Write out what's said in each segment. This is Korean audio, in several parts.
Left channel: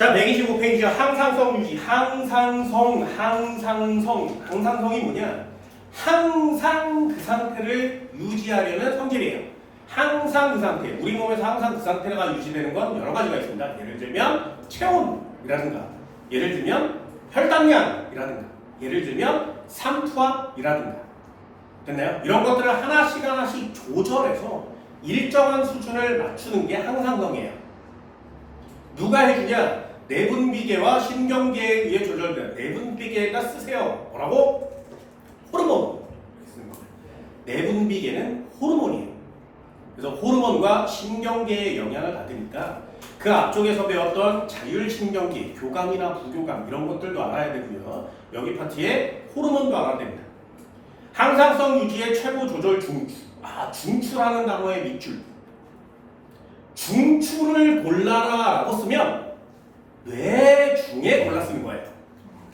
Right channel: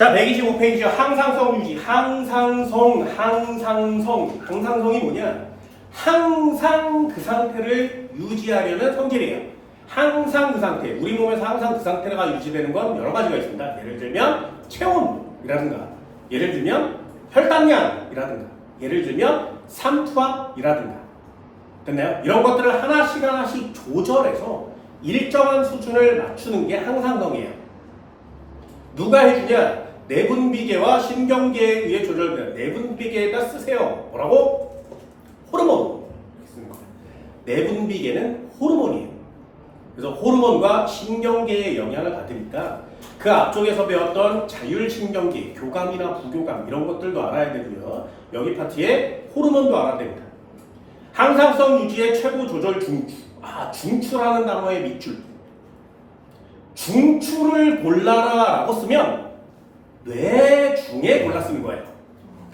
자, 125페이지 항상성 유지. 항상성이 뭐냐? 항상 그 상태를 유지하려는 성질이에요. 항상 그 상태. 우리 몸에서 항상 그 상태가 유지되는 건 여러 가지가 있습니다. 예를 들면 체온이라든가, 예를 들면 혈당량이라든가, 예를 들면 삼투압이라든가. 됐나요? 이런 것들을 하나씩 조절해서 일정한 수준을 맞추는 게 항상성이에요. 누가 해주냐? 내분비계와 신경계에 의해 조절되는 내분비계가 쓰세요. 뭐라고? 호르몬. 내분비계는 호르몬이에요. 그래서 호르몬과 신경계의 영향을 받으니까 그 앞쪽에서 배웠던 자율신경계, 교감이나 부교감 이런 것들도 알아야 되고요. 여기 파트에 호르몬도 알아야 됩니다. 항상성 유지의 최고 조절 중추. 중추라는 단어의 밑줄. 중추를 골라라 라고 쓰면 뇌 중에 골라 쓰는 거예요.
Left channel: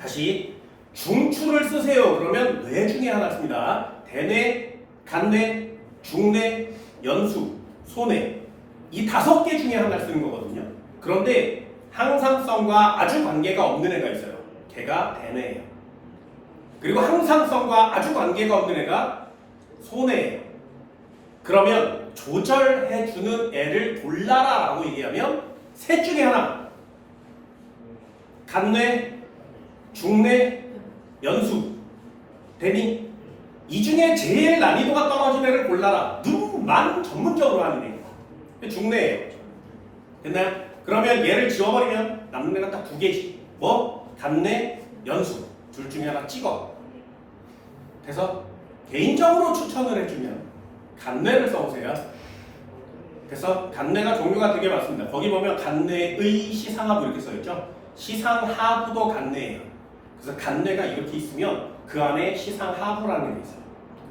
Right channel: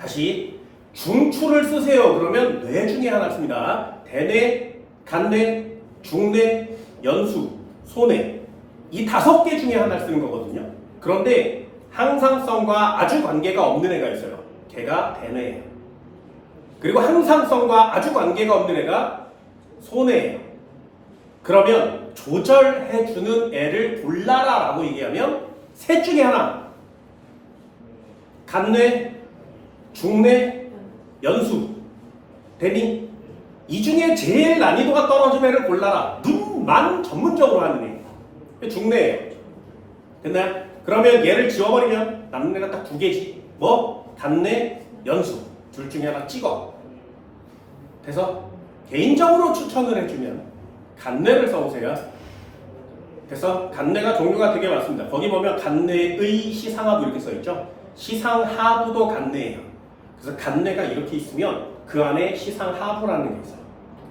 다시 중추를 쓰세요. 그러면 뇌 중에 하나 씁니다. 대뇌, 간뇌, 중뇌, 연수, 소뇌 이 5개 중에 하나를 쓰는 거거든요. 그런데 항상성과 아주 관계가 없는 애가 있어요. 걔가 대뇌예요. 그리고 항상성과 아주 관계가 없는 애가 소뇌예요. 그러면 조절해주는 애를 골라라 라고 얘기하면 셋 중에 하나. 간뇌, 중뇌, 연수, 대니 이 중에 제일 난이도가 떨어진 애를 골라라. 눈만 전문적으로 하는 애. 중뇌예요. 됐나요? 그러면 얘를 지워버리면 남는 애가 딱 2개지. 뭐? 간뇌, 연수. 둘 중에 하나 찍어. 그래서 개인적으로 추천을 해주면 간뇌를 써보세요. 그래서 간뇌가 종류가 되게 많습니다. 거기 보면 간뇌의 시상하부 이렇게 써있죠. 시상하부도 간뇌예요. 그래서 간뇌가 이렇게 있으면 그 안에 시상하부라는 게 있어요.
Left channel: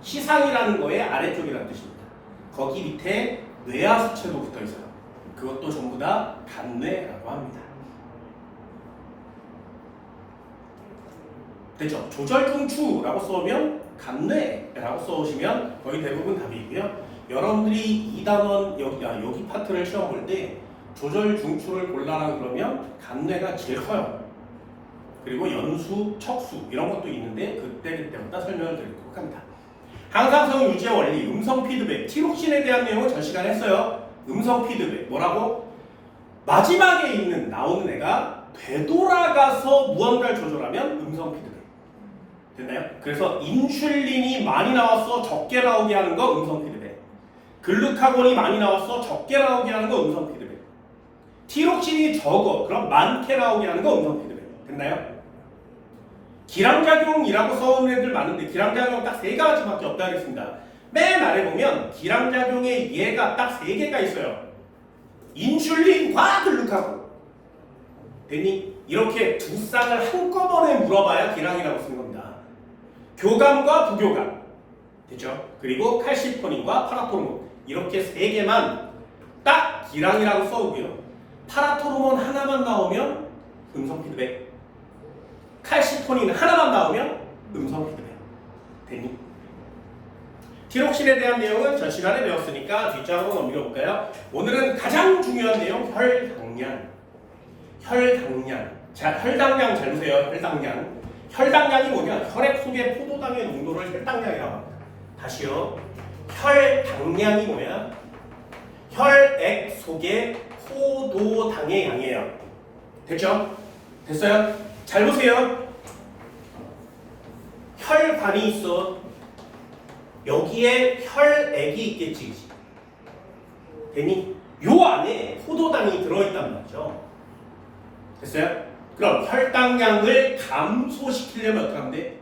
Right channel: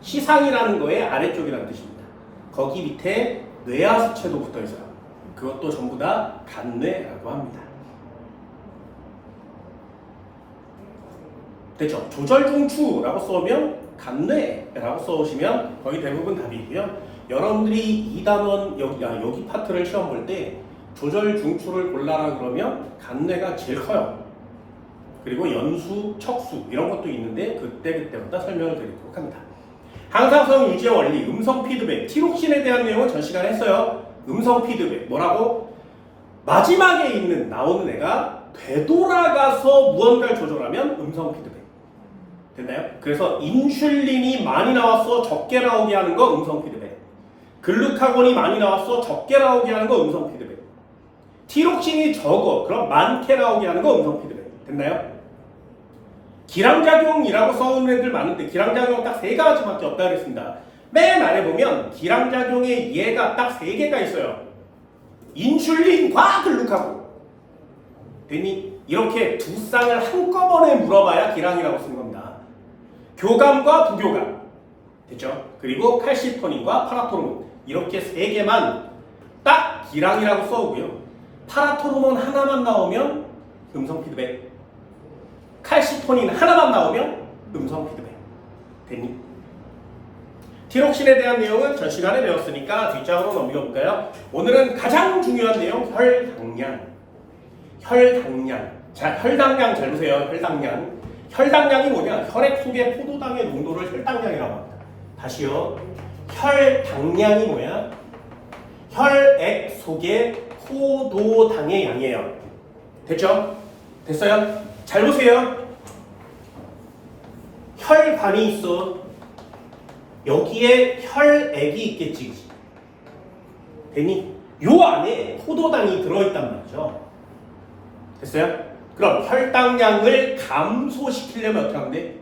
시상이라는 거의 아래쪽이라는 뜻입니다. 거기 밑에 뇌하수체도 붙어있어요. 그것도 전부 다 간뇌라고 합니다. 됐죠? 조절중추라고 써오면 간뇌라고 써오시면 거의 대부분 답이고요. 여러분들이 2단원 여기 파트를 시험 볼 때 조절중추를 골라라 그러면 간뇌가 제일 커요. 그리고 연수, 척수 이런 것도 있는데 그때마다 설명을 드리도록 합니다. 항상성 유지의 원리, 음성 피드백, 티록신에 대한 내용은 전 시간에 했어요. 음성 피드백, 뭐라고? 마지막에 나오는 애가 되돌아가서 무언가를 조절하면 음성 피드백. 됐나요? 그래서 인슐린이 많이 나왔어 적게 나오게 하는 거 음성 피드백. 글루카곤이 많이 나왔어 적게 나오게 하는 거 음성 피드백. 티록신이 적어 그럼 많게 나오게 하는 거 음성 피드백. 됐나요? 기량작용이라고 써온 애들 많은데 기량작용 딱 3가지밖에 없다 그랬습니다. 맨 아래 보면 기량작용에 얘가 딱 3개가 있어요. 인슐린과 글루카곤. 되니 이렇게 두 쌍을 한꺼번에 물어봐야 기량이라고 쓰는 겁니다. 교감과 부교감. 됐죠? 그리고 칼시토닌과 파라토르몬. 이렇게 3개만 딱 기량이라고 써오고요. 파라토르몬 하나만 나오면 음성 피드백. 칼시토닌 하나만 나오면 음성 피드백. 됐니? 티록신에 대한 내용은 전 시간에 배웠으니까 뒷장으로 넘겨 볼까요? 오늘은 가장 중요한 내용 혈당량. 자, 혈당량 잘 보세요. 혈당량이 뭐냐? 혈액 속의 포도당의 농도를 혈당량이라고 합니다. 다시요. 혈당량이 뭐야? 혈액 속의 포도당의 양이에요. 됐죠? 됐어요? 잘 보세요. 혈관이 있어. 여기에 혈액이 있겠지. 됐니? 요 안에 포도당이 들어있단 말이죠. 됐어요? 그럼 혈당량을 감소시키려면 어떻게 하면 돼?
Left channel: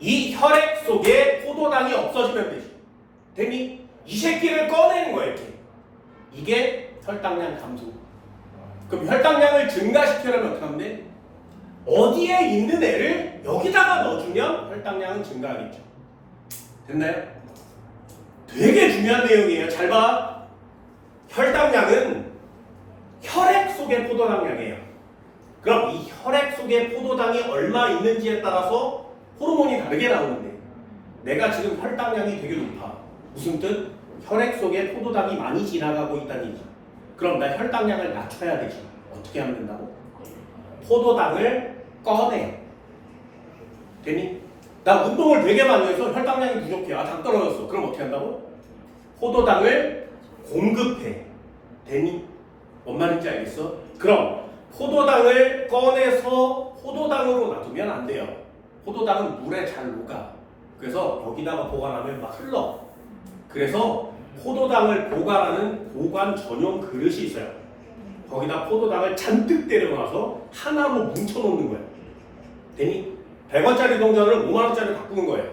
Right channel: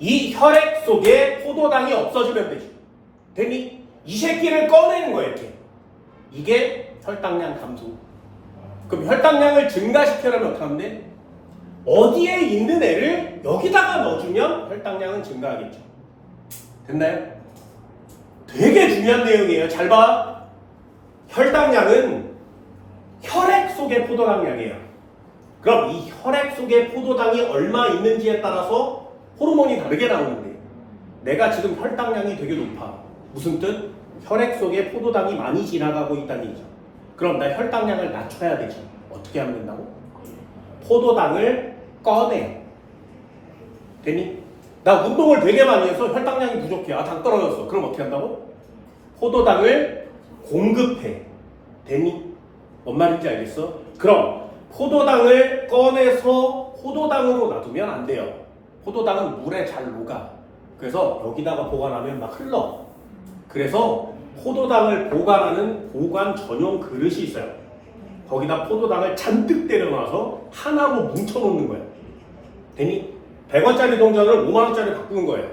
이 혈액 속에 포도당이 없어지면 되지. 됐니? 이 새끼를 꺼내는 거예요. 이렇게. 이게 혈당량 감소. 그럼 혈당량을 증가시키려면 어떻게 하면 돼? 어디에 있는 애를 여기다가 넣어주면 혈당량은 증가하겠죠. 됐나요? 되게 중요한 내용이에요. 잘 봐. 혈당량은 혈액 속의 포도당량이에요. 그럼 이 혈액 속에 포도당이 얼마 있는지에 따라서 호르몬이 다르게 나오는데 내가 지금 혈당량이 되게 높아. 무슨 뜻? 혈액 속에 포도당이 많이 지나가고 있다는 얘기죠. 그럼 나 혈당량을 낮춰야 되지. 어떻게 하면 된다고? 포도당을 꺼내. 되니? 나 운동을 되게 많이 해서 혈당량이 부족해. 아, 당 떨어졌어. 그럼 어떻게 한다고? 포도당을 공급해. 되니? 뭔 말인지 알겠어? 그럼 포도당을 꺼내서 포도당으로 놔두면 안 돼요. 포도당은 물에 잘 녹아. 그래서 여기다가 보관하면 막 흘러. 그래서 포도당을 보관하는 보관 전용 그릇이 있어요. 거기다 포도당을 잔뜩 때려놔서 하나로 뭉쳐놓는 거예요. 되니? 100원짜리 동전을 5만원짜리 바꾸는 거예요.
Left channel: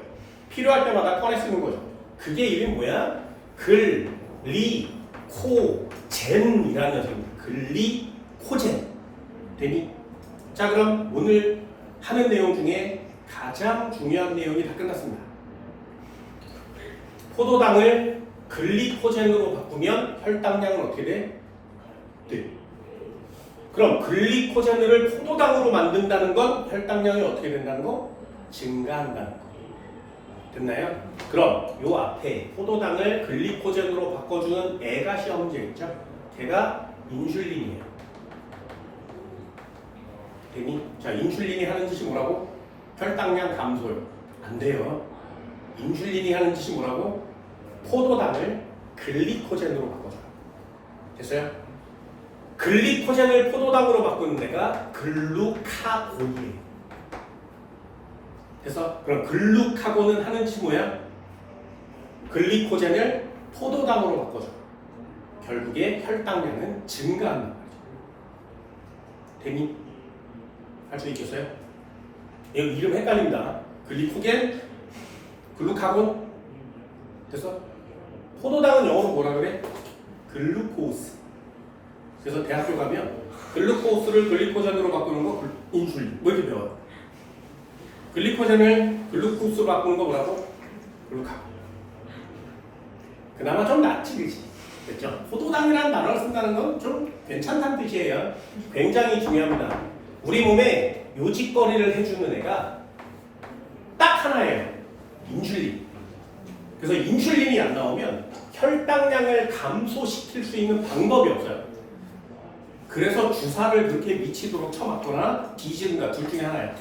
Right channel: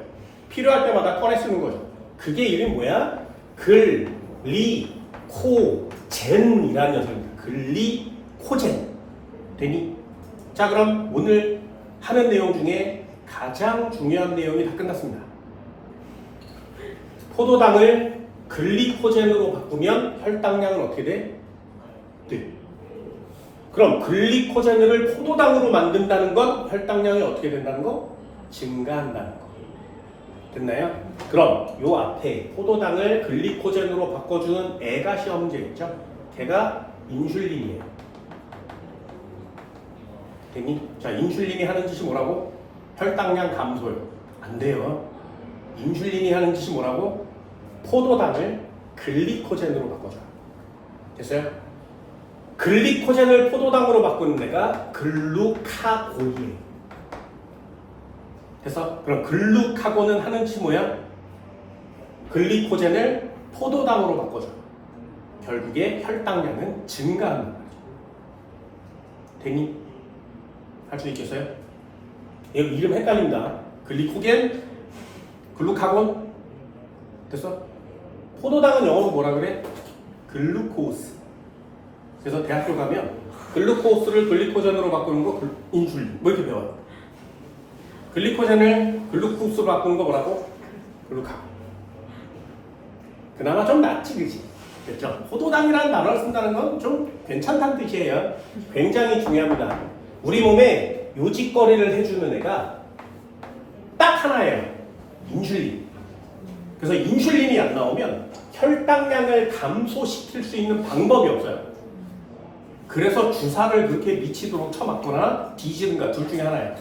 필요할 때마다 꺼내 쓰는 거죠. 그게 이름이 뭐야? 글리코젠이라는 녀석입니다. 글리코젠. 되니? 자, 그럼 오늘 하는 내용 중에 가장 중요한 내용이 다 끝났습니다. 포도당을 글리코젠으로 바꾸면 혈당량은 어떻게 돼? 네. 그럼 글리코젠을 포도당으로 만든다는 건 혈당량이 어떻게 된다는 거? 증가한다는 거. 됐나요? 그럼 요 앞에 포도당을 글리코젠으로 바꿔주는 애가 시험 문제겠죠? 걔가 인슐린이에요. 됐니? 자, 인슐린이 하는 짓이 뭐라고? 혈당량 감소요. 안 돼요. 인슐린이 하는 짓이 뭐라고? 포도당을 글리코젠으로 바꿔줘요. 됐어요? 글리코젠을 포도당으로 바꾸는 데가 글루카곤이에요. 그래서 그럼 글루카곤은 하는 짓이 뭐야? 글리코젠을 포도당으로 바꿔줘요. 결국에 혈당량은 증가하는 거죠. 되니? 할 수 있겠어요? 여기 이름 헷갈린다. 글리코겐, 글루카곤. 됐어? 포도당은 영어로 뭐라 그래? 글루코스. 그래서 대학교 가면 글루코스를 글리코젠으로 바꾸는 거 인슐린. 뭐 이렇게 배워요. 글리코젠을 글루코스로 바꾸는 거 뭐라고? 글루카곤. 그나마 좀 낫지, 그치? 됐죠? 포도당이라는 단어를 쓴다는 건 좀 괜찮다는 뜻이에요. 굉장히 중요합니다. 우리 몸에 요직거리를 해주는 애가 딱 하나예요. 인슐린. 그래서 인슐린이 안 나오면 혈당량을 감소시킬 수 있는 방법이 없어요. 그래서 주사를 그렇게 미치도록 쳐맞거나 뒤지는가 둘 중에 하나예요.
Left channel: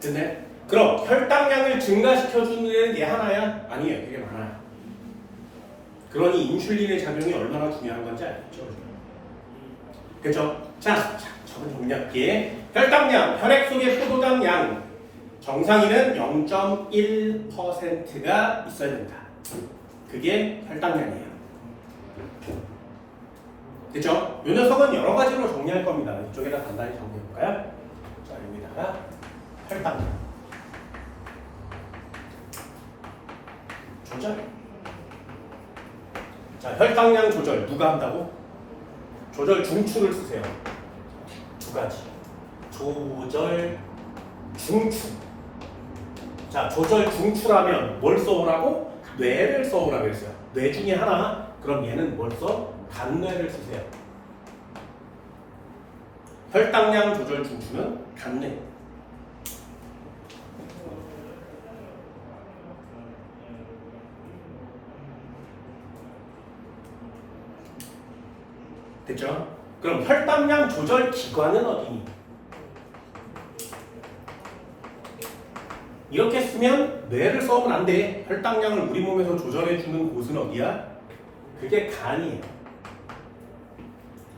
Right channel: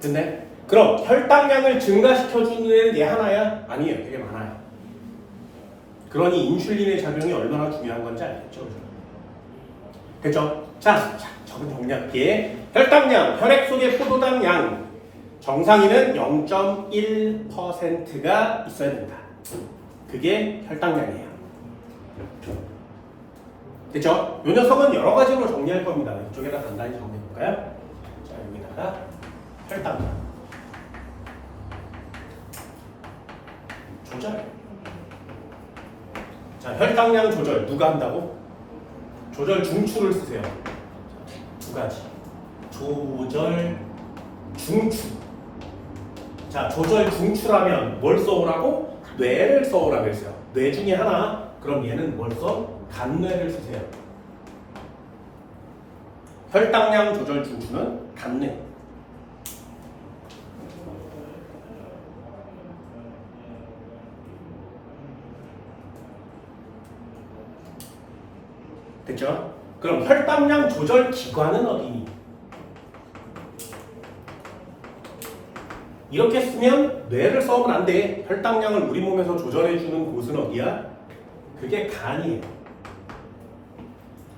됐네? 그럼 혈당량을 증가시켜주는 애는 얘 하나야? 아니에요. 되게 많아요. 그러니 인슐린의 작용이 얼마나 중요한 건지 알겠죠? 됐죠? 자, 저는 정리할게. 혈당량, 혈액 속의 포도당 양. 정상인은 0.1%가 있어야 된다. 그게 혈당량이에요. 됐죠? 이 녀석은 여러 가지로 정리할 겁니다. 이쪽에다 간단히 정리해볼까요? 자, 여기다가 혈당량. 조절. 자, 혈당량 조절 누가 한다고? 조절 중추를 쓰세요. 두 가지. 조절 중추. 자, 조절 중추라면 뭘 써오라고? 뇌를 써오라고 했어요. 뇌 중에 하나. 그럼 얘는 뭘 써? 간뇌를 쓰세요. 혈당량 조절 중추는 간뇌. 됐죠? 그럼 혈당량 조절 기관은 어디니? 이렇게 쓰면 뇌를 써면 안 돼. 혈당량을 우리 몸에서 조절해주는 곳은 어디야? 그게 간이에요.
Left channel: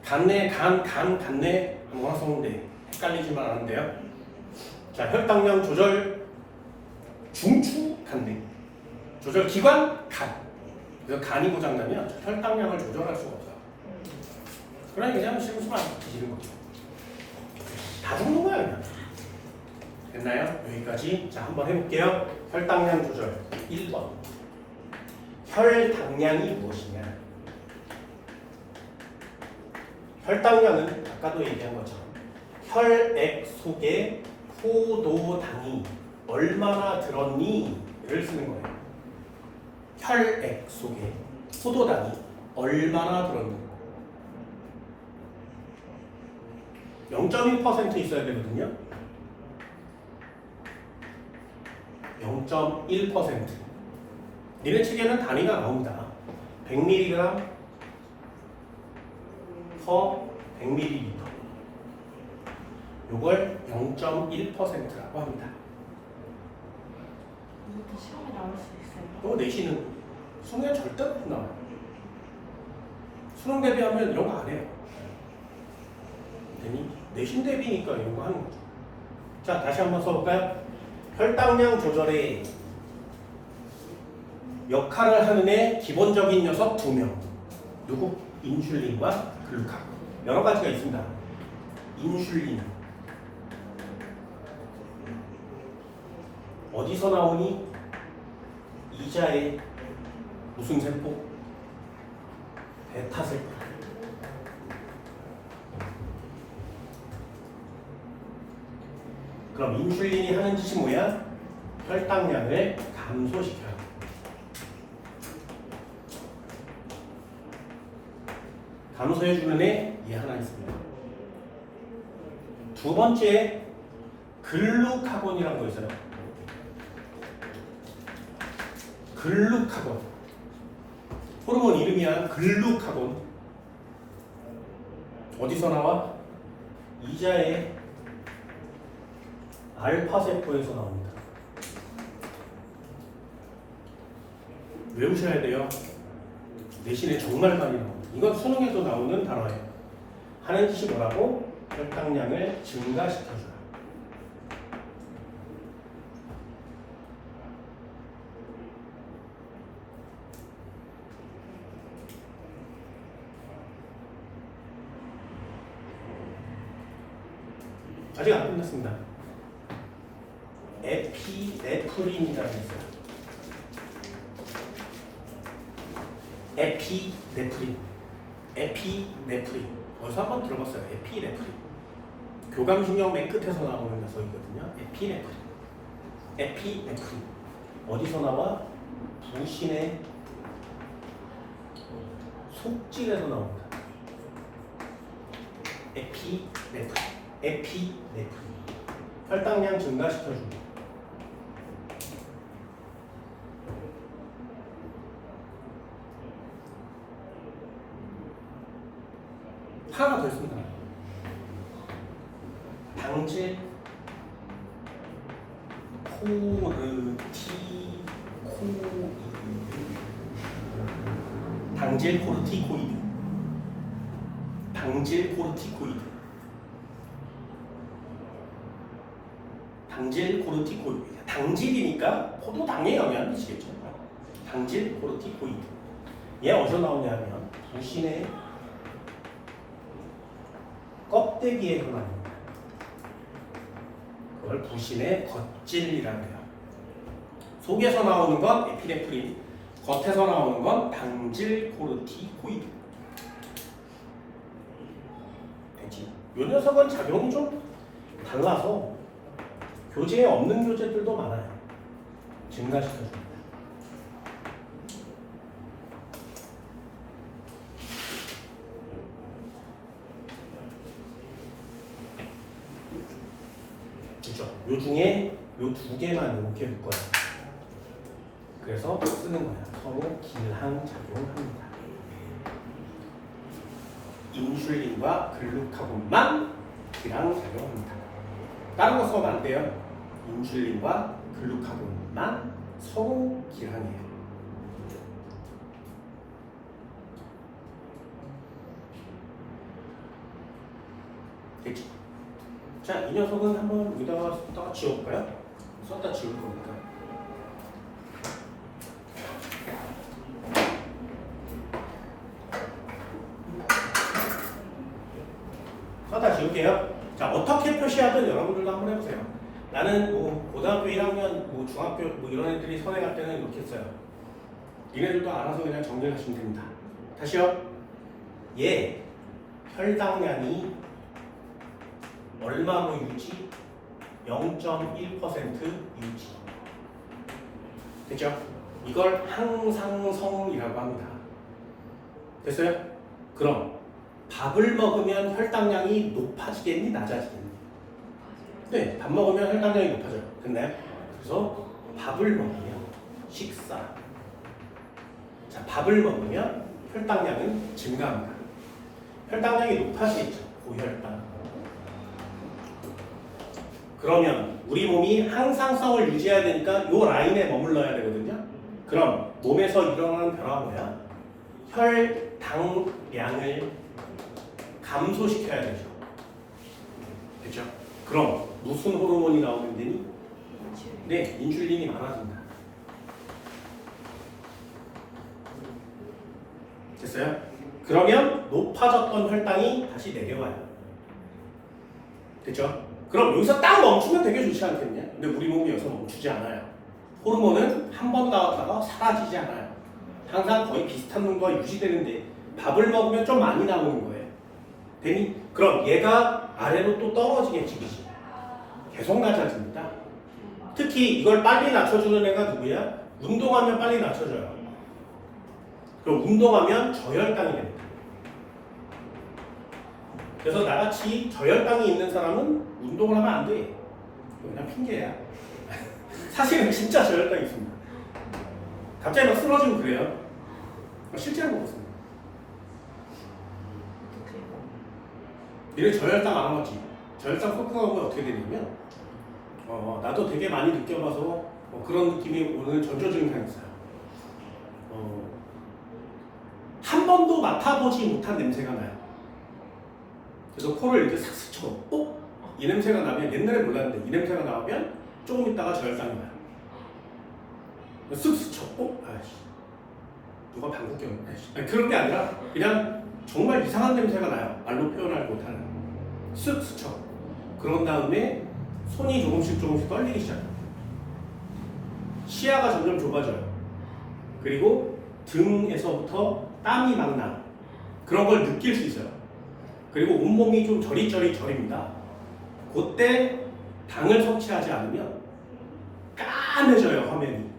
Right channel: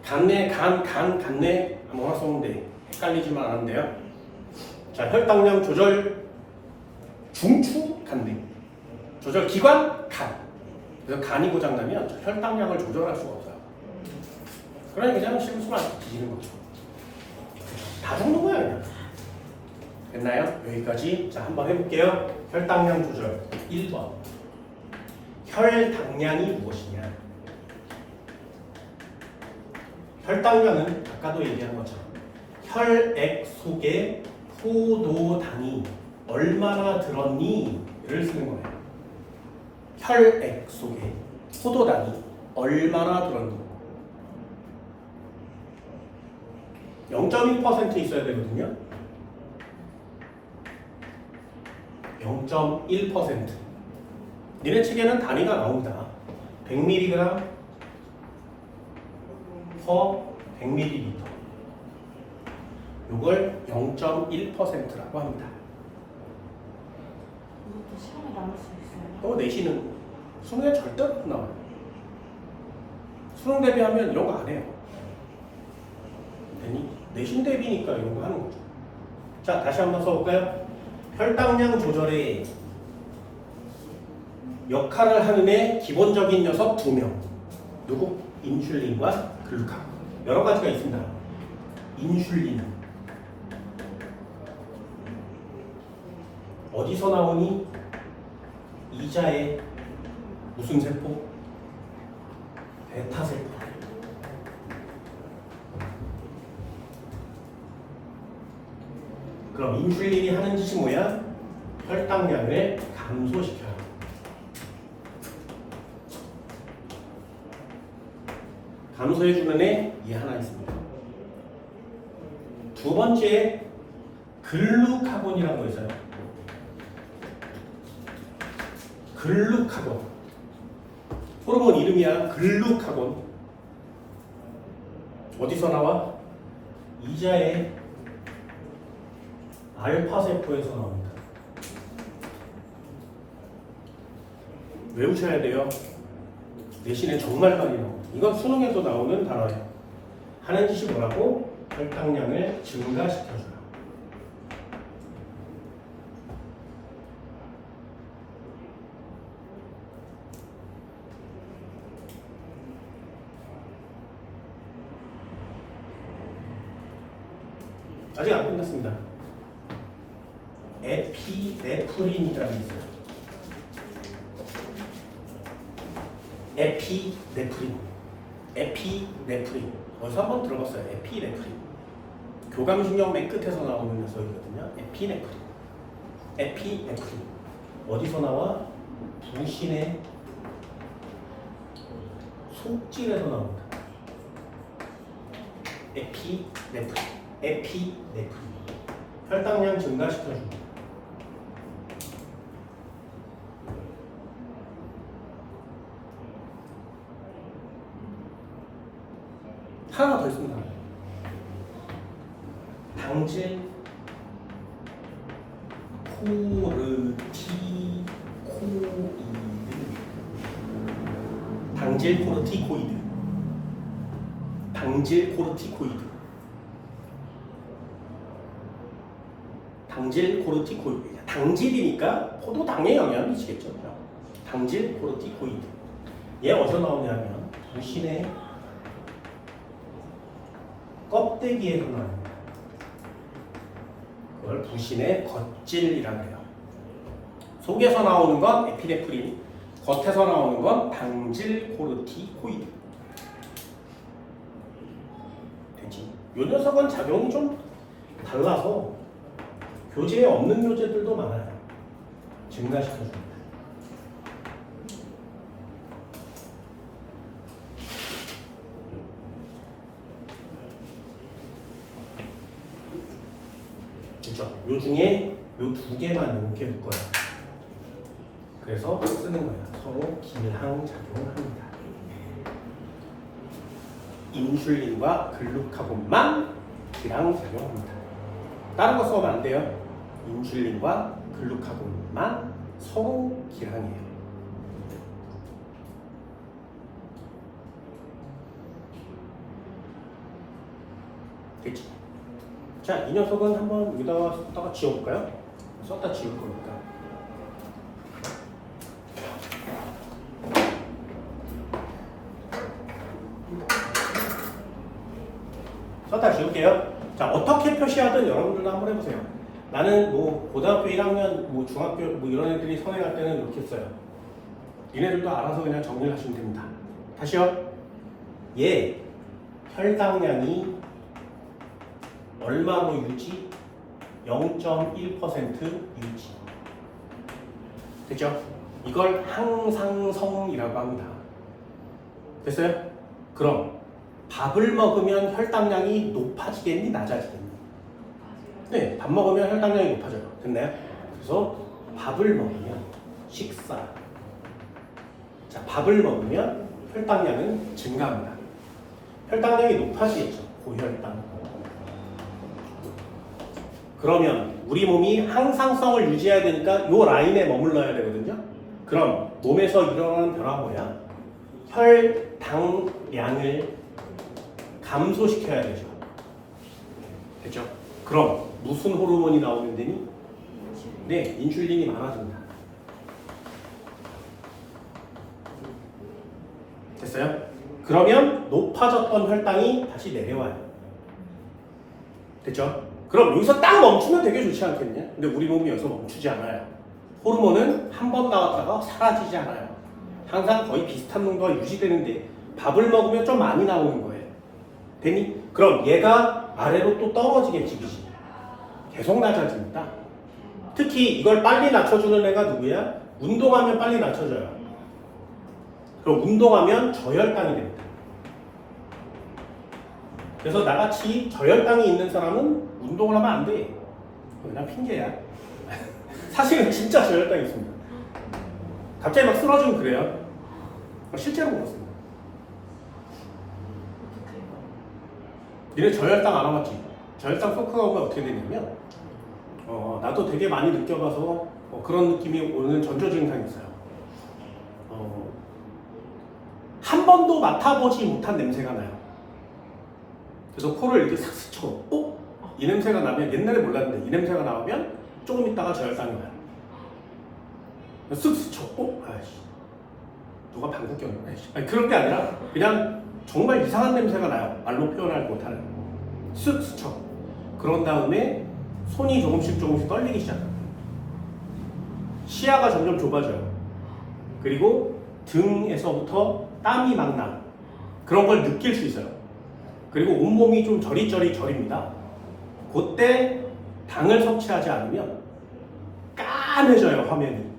간뇌, 간뇌 아무거나 써면 돼. 헷갈리지만 않은데요. 자, 혈당량 조절 중추 간뇌. 조절 기관 간. 그래서 간이 고장나면 혈당량을 조절할 수가 없어요. 그러니 그냥 심수만 뒤지는 거죠. 다 죽는 거야 그냥. 됐나요? 여기까지. 자, 한번 해볼게요. 혈당량 조절 1번. 혈당량이 무엇이냐? 혈당량은 아까도 얘기한 것처럼 혈액 속에 포도당이 얼마나 들었니?를 쓰는 거예요. 혈액 속에 포도당이 얼마나 들었니? 0.1% 있어야 되거든요. 0.1%. 니네 책에는 단위가 나옵니다. 100mg per 100ml. 요걸 0.1%라고 합니다. 이것도 시험에 나올 수 있어요. 또 내시는 수능에 절대 못 나와요. 수능 대비하면 이런 거 안 해요. 아니, 내신 대비니까 이런 거 하는 거죠. 자, 다시 한번 써볼까요? 혈당량 조절에 역할을 하는 애 기본적인 녀석 2명. 누구? 인슐린과 글루카곤. 여러 가지가 있습니다. 인슐린. 어디서 나오니? 이자의 무슨 세포? 베타세포. 그럼 인슐린이 하는 짓이 뭐야? 혈당량을 감소시켜요. 감소해주는 애 하나 있습니다. 두 번째, 글루카곤이라는 거 있어요. 글루카곤. 호르몬 이름이야. 글루카곤. 어디서 나와? 이자의 알파세포에서 나옵니다. 외우셔야 돼요. 내신에 정말 많이 나옵니다. 이건 수능에도 나오는 단어예요. 하는 짓이 뭐라고? 혈당량을 증가시켜줘요. 아직 안 끝났습니다. 에피네프린이라는 게 있어요. 에피네프린. 어디서 한번 들어봤어요. 에피네프린. 교감신경 맨 끝에서 나오는 녀석이거든요. 에피네프린. 어디서 나와? 부신의 속질에서 나옵니다. 에피네프린. 혈당량 증가시켜줍니다. 하나 더 있습니다. 당질 코르티코이드. 당질이니까 포도당에 영향을 미치겠죠. 당질 코르티코이드. 얘 어디서 나오냐면 부신의 껍데기에서 나옵니다. 그걸 부신의 겉질이라고 해요. 속에서 나오는 건 에피네프린, 겉에서 나오는 건 당질 코르티코이드. 됐지? 이 녀석은 작용이 좀 달라서 교재에 없는 교재들도 많아요. 증가시켜줍니다. 그렇죠? 요 중에 요 두 개만 이렇게 볼 거야. 그래서 쓰는 거야. 서로 길항작용합니다. 인슐린과 글루카곤만 길항작용합니다. 다른 거 써면 안 돼요. 인슐린과 글루카곤만 서로 길항해요. 됐지? 자, 이 녀석은 한번 여기다가 썼다가 지워볼까요? 썼다 지울 겁니다. 썼다 지울게요. 자, 어떻게 표시하든 여러분들도 한번 해보세요. 나는 뭐 고등학교 1학년, 뭐 중학교 뭐 이런 애들이 선행할 때는 이렇게 써요. 얘네들도 알아서 그냥 정리를 하시면 됩니다. 다시요. 얘 혈당량이 얼마로 유지? 0.1% 유지. 됐죠? 이걸 항상성이라고 합니다. 됐어요? 그럼 밥을 먹으면 혈당량이 높아지겠니? 낮아지겠니? 네, 밥 먹으면 혈당량이 높아져요. 됐나요? 그래서 밥을 먹으면 식사. 자, 밥을 먹으면 혈당량은 증가합니다. 혈당량이 높아지겠죠. 고혈당. 그러면 우리 몸이 항상성을 유지해야 되니까 요 라인에 머물러야 되거든요. 그럼 몸에서 일어나는 변화 뭐야? 혈당량을 감소시켜야 되죠. 그렇죠? 그럼 무슨 호르몬이 나오는 데니? 네, 인슐린이 많아진다. 됐어요? 그러면 높아졌던 혈당이 다시 내려와요. 됐죠? 그럼 여기서 딱 멈추면 되게 좋지 않겠냐? 근데 우리 몸이 여기서 멈추지 않아요. 호르몬은 한 번 나왔다가 사라지지 않아요. 항상 거의 비슷한 농도가 유지되는데 밥을 먹으면 좀 많이 나오는 거예요. 되니? 그럼 얘가 아래로 또 떨어지겠지, 그치? 계속 낮아집니다. 특히 이걸 빨리 낮춰주는 애가 누구야? 운동하면 빨리 낮춰져요. 그럼 운동하면 저혈당이 됩니다. 그래서 나같이 저혈당이 있는 사람은 운동을 하면 안 돼. 그냥 핑계야. 사실은 진짜 저혈당이 있습니다. 갑자기 막 쓰러지고 그래요. 실제로 그렇습니다. 니네 저혈당 안 와봤지? 저혈당 토크가 오면 어떻게 되냐면 나도 되게 많이 느껴봐서 그런 느낌이 오는 전조증상이 있어요. 한 번도 맡아보지 못한 냄새가 나요. 그래서 코를 이렇게 싹 스쳐. 이 냄새가 나면 옛날에 몰랐는데 이 냄새가 나오면 조금 있다가 저혈당이 나요. 쓱 스쳐. 아이씨. 누가 방귀 꼈네. 아니, 그런 게 아니라 그냥 정말 이상한 냄새가 나요. 말로 표현할 못하는. 쓱 스쳐. 그런 다음에 손이 조금씩 떨리기 시작해요. 시야가 점점 좁아져요. 그리고 등에서부터 땀이 막 나. 그런 걸 느낄 수 있어요. 그리고 온몸이 좀 저리저립니다. 그때 당을 섭취하지 않으면 까매져요, 화면이.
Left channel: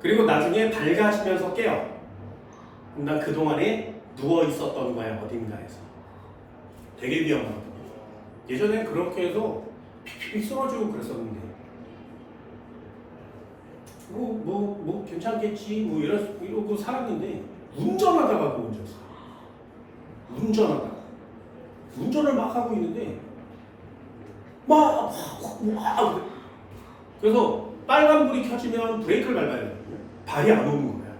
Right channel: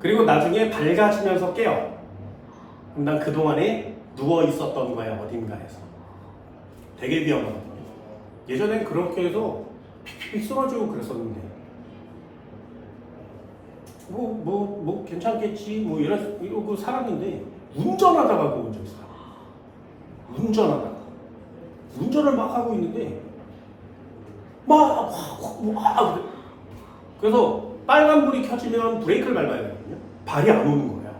그리고 나중에 밝아지면서 깨요. 그럼 난 그동안에 누워 있었던 거야, 어딘가에서. 되게 위험하거든요. 예전엔 그렇게 해서 픽픽 쓰러지고 그랬었는데 뭐 괜찮겠지 이러고 살았는데 운전하다가 그거 먼저 있어. 운전을 막 하고 있는데 그래서 빨간불이 켜지면 브레이크를 밟아야 되거든요. 발이 안 오는 거야.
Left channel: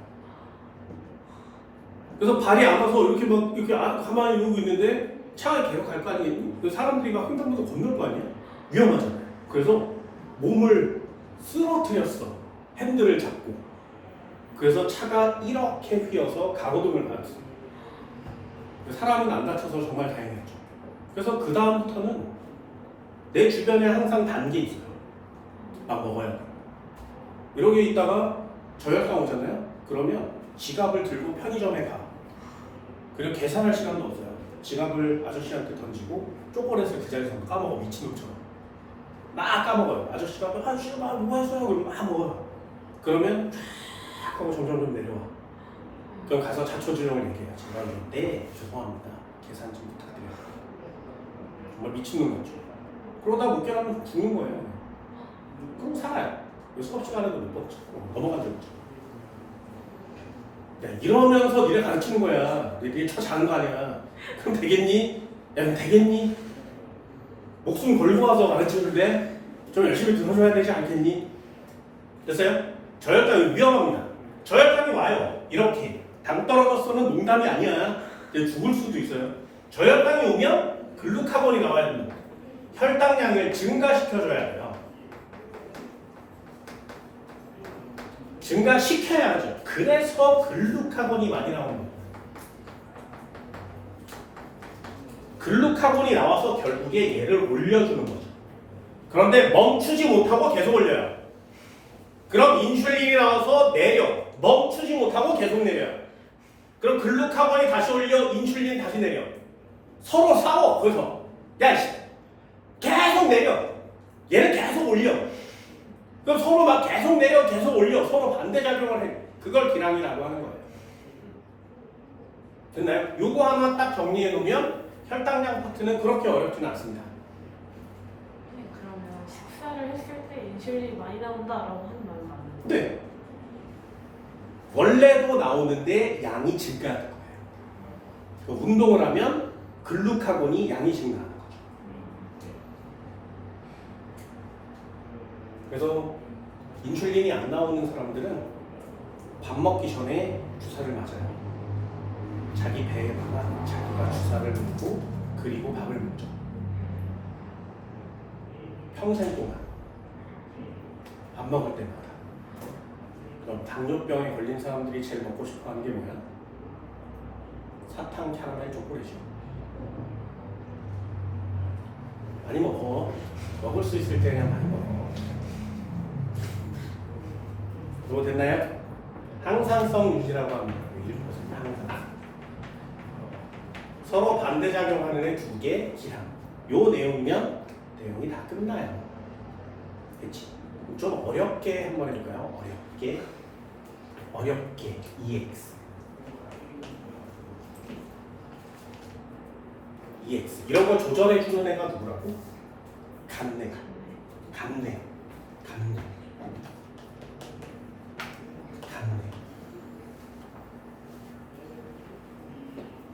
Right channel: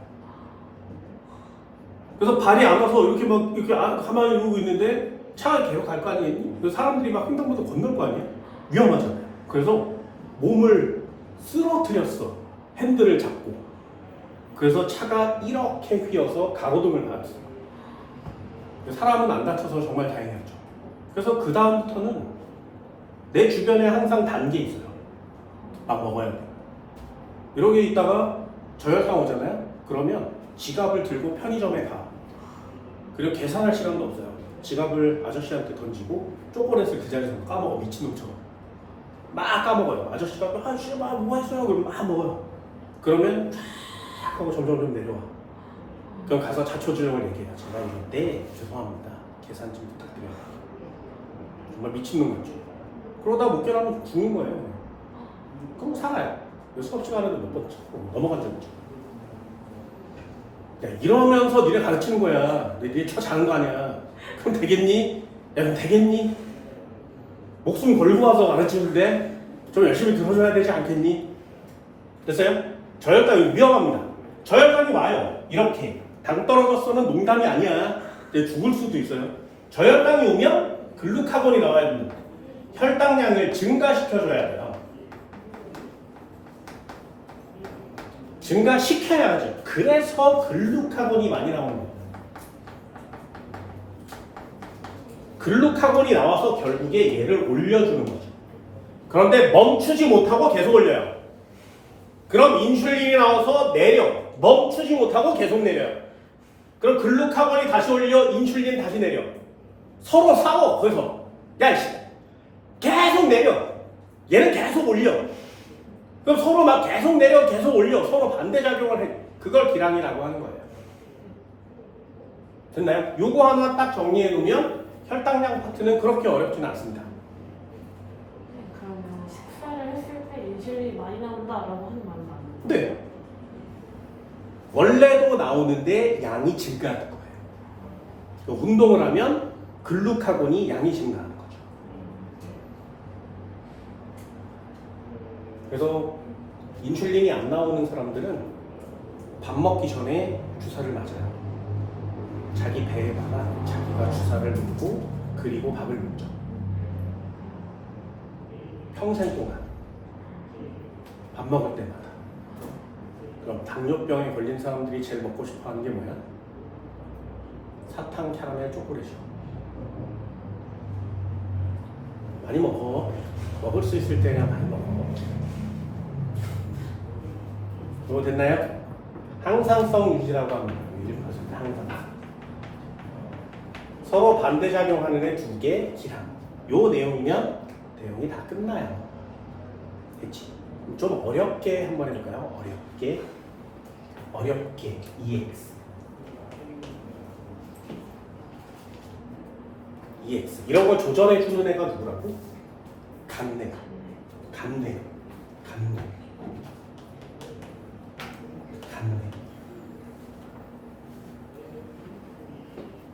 그래서 발이 안 와서 이렇게 가만히 이러고 있는데 차가 계속 갈 거 아니에요? 사람들이 막 횡단보도 건널 거 아니에요? 위험하잖아요. 그래서 몸을 쓰러뜨렸어. 핸들을 잡고. 그래서 차가 이렇게 휘어서 가로등을 맞았어요. 사람은 안 다쳐서 정말 다행이었죠. 그래서 그 다음부터는 내 주변에 항상 단 게 있어요. 먹어야 돼. 이러게 있다가 저혈당 오잖아요. 그러면 지갑을 들고 편의점에 가. 그리고 계산할 시간도 없어요. 지갑을 아저씨한테 던지고 초콜릿을 그 자리에서 까먹어. 미친놈처럼 막 까먹어요. 아저씨가 아저씨 뭐 했어요? 그러면 막 먹어요. 그러면 쫙 하고 점점 내려와. 그럼 가서 자초지종을 얘기해요. 제가 네 죄송합니다. 계산 좀 부탁드려요. 정말 미친놈 같죠. 그러다 못 깨라면 죽는 거예요. 그럼 살아요. 수업 시간에도 몇 번 넘어간 적 있죠. 야, 이러면서 니네 가르치는 거야. 니네 차 자는 거 아니야. 그럼 되겠니? 야, 그럼 되겠니? 목숨 걸고 와서 가르치는데 좀 열심히 들어줘야 되지 않겠니? 됐어요? 저혈당이 위험합니다. 저혈당이 와요. 이렇게. 당 떨어졌어는 농담이 아니야. 이제 죽을 수도 있어요. 저혈당이 오면 글루카곤이 나와야 됩니다. 혈당량을 증가시켜줘야 돼요. 증가시켜야 하죠. 그래서 글루카곤이 많이 나오는 거예요. 글루카곤이 나와서 결국에 얘를 올려주는 거죠. 그런데 멈추지 못하고 계속 올려요. 그럼 인슐린이 나와서 내려. 멈추지 못하고 계속 내려요. 그럼 글루카곤이 다시 올려. 인슐린 다시 내려. 서로 싸워. 거기서 야이씨 계속 내려. 얘는 계속 올려. 그럼 서로 막 계속 내려 계속 올려. 서로 반대작용을 해. 그걸 기량이라고 하는 거예요. 됐나요? 요거 하나 딱 정리해 놓으면 혈당량 파트는 그렇게 어렵지는 않습니다. 그러면 식사를 했을 때 인슐린이 많이 나온다라고 하는 말은 아니에요? 네. 원래도 나오는데 양이 증가하는 거예요. 그 운동을 하면 글루카곤이 양이 증가하는 거죠. 그래서 인슐린이 안 나오는 사람들은 밥 먹기 전에 주사를 맞아요. 자기 배에다가 자기가 주사를 놓고 그리고 밥을 먹죠. 평생 동안 밥 먹을 때마다. 그럼 당뇨병에 걸린 사람들이 제일 먹고 싶어하는 게 뭐야? 사탕 캐러멜 초콜릿이요. 많이 먹어. 먹을 수 있을 때 그냥 많이 먹어. 그거 됐나요? 항상성 유지라고 합니다. 1% 항상. 서로 반대작용하는 애 2개 기항. 요 내용이면 내용이 다 끝나요. 됐지? 좀 어렵게 한번 해볼까요? 어렵게 EX 이런 거 조절해 주는 애가 누구라고? 간내.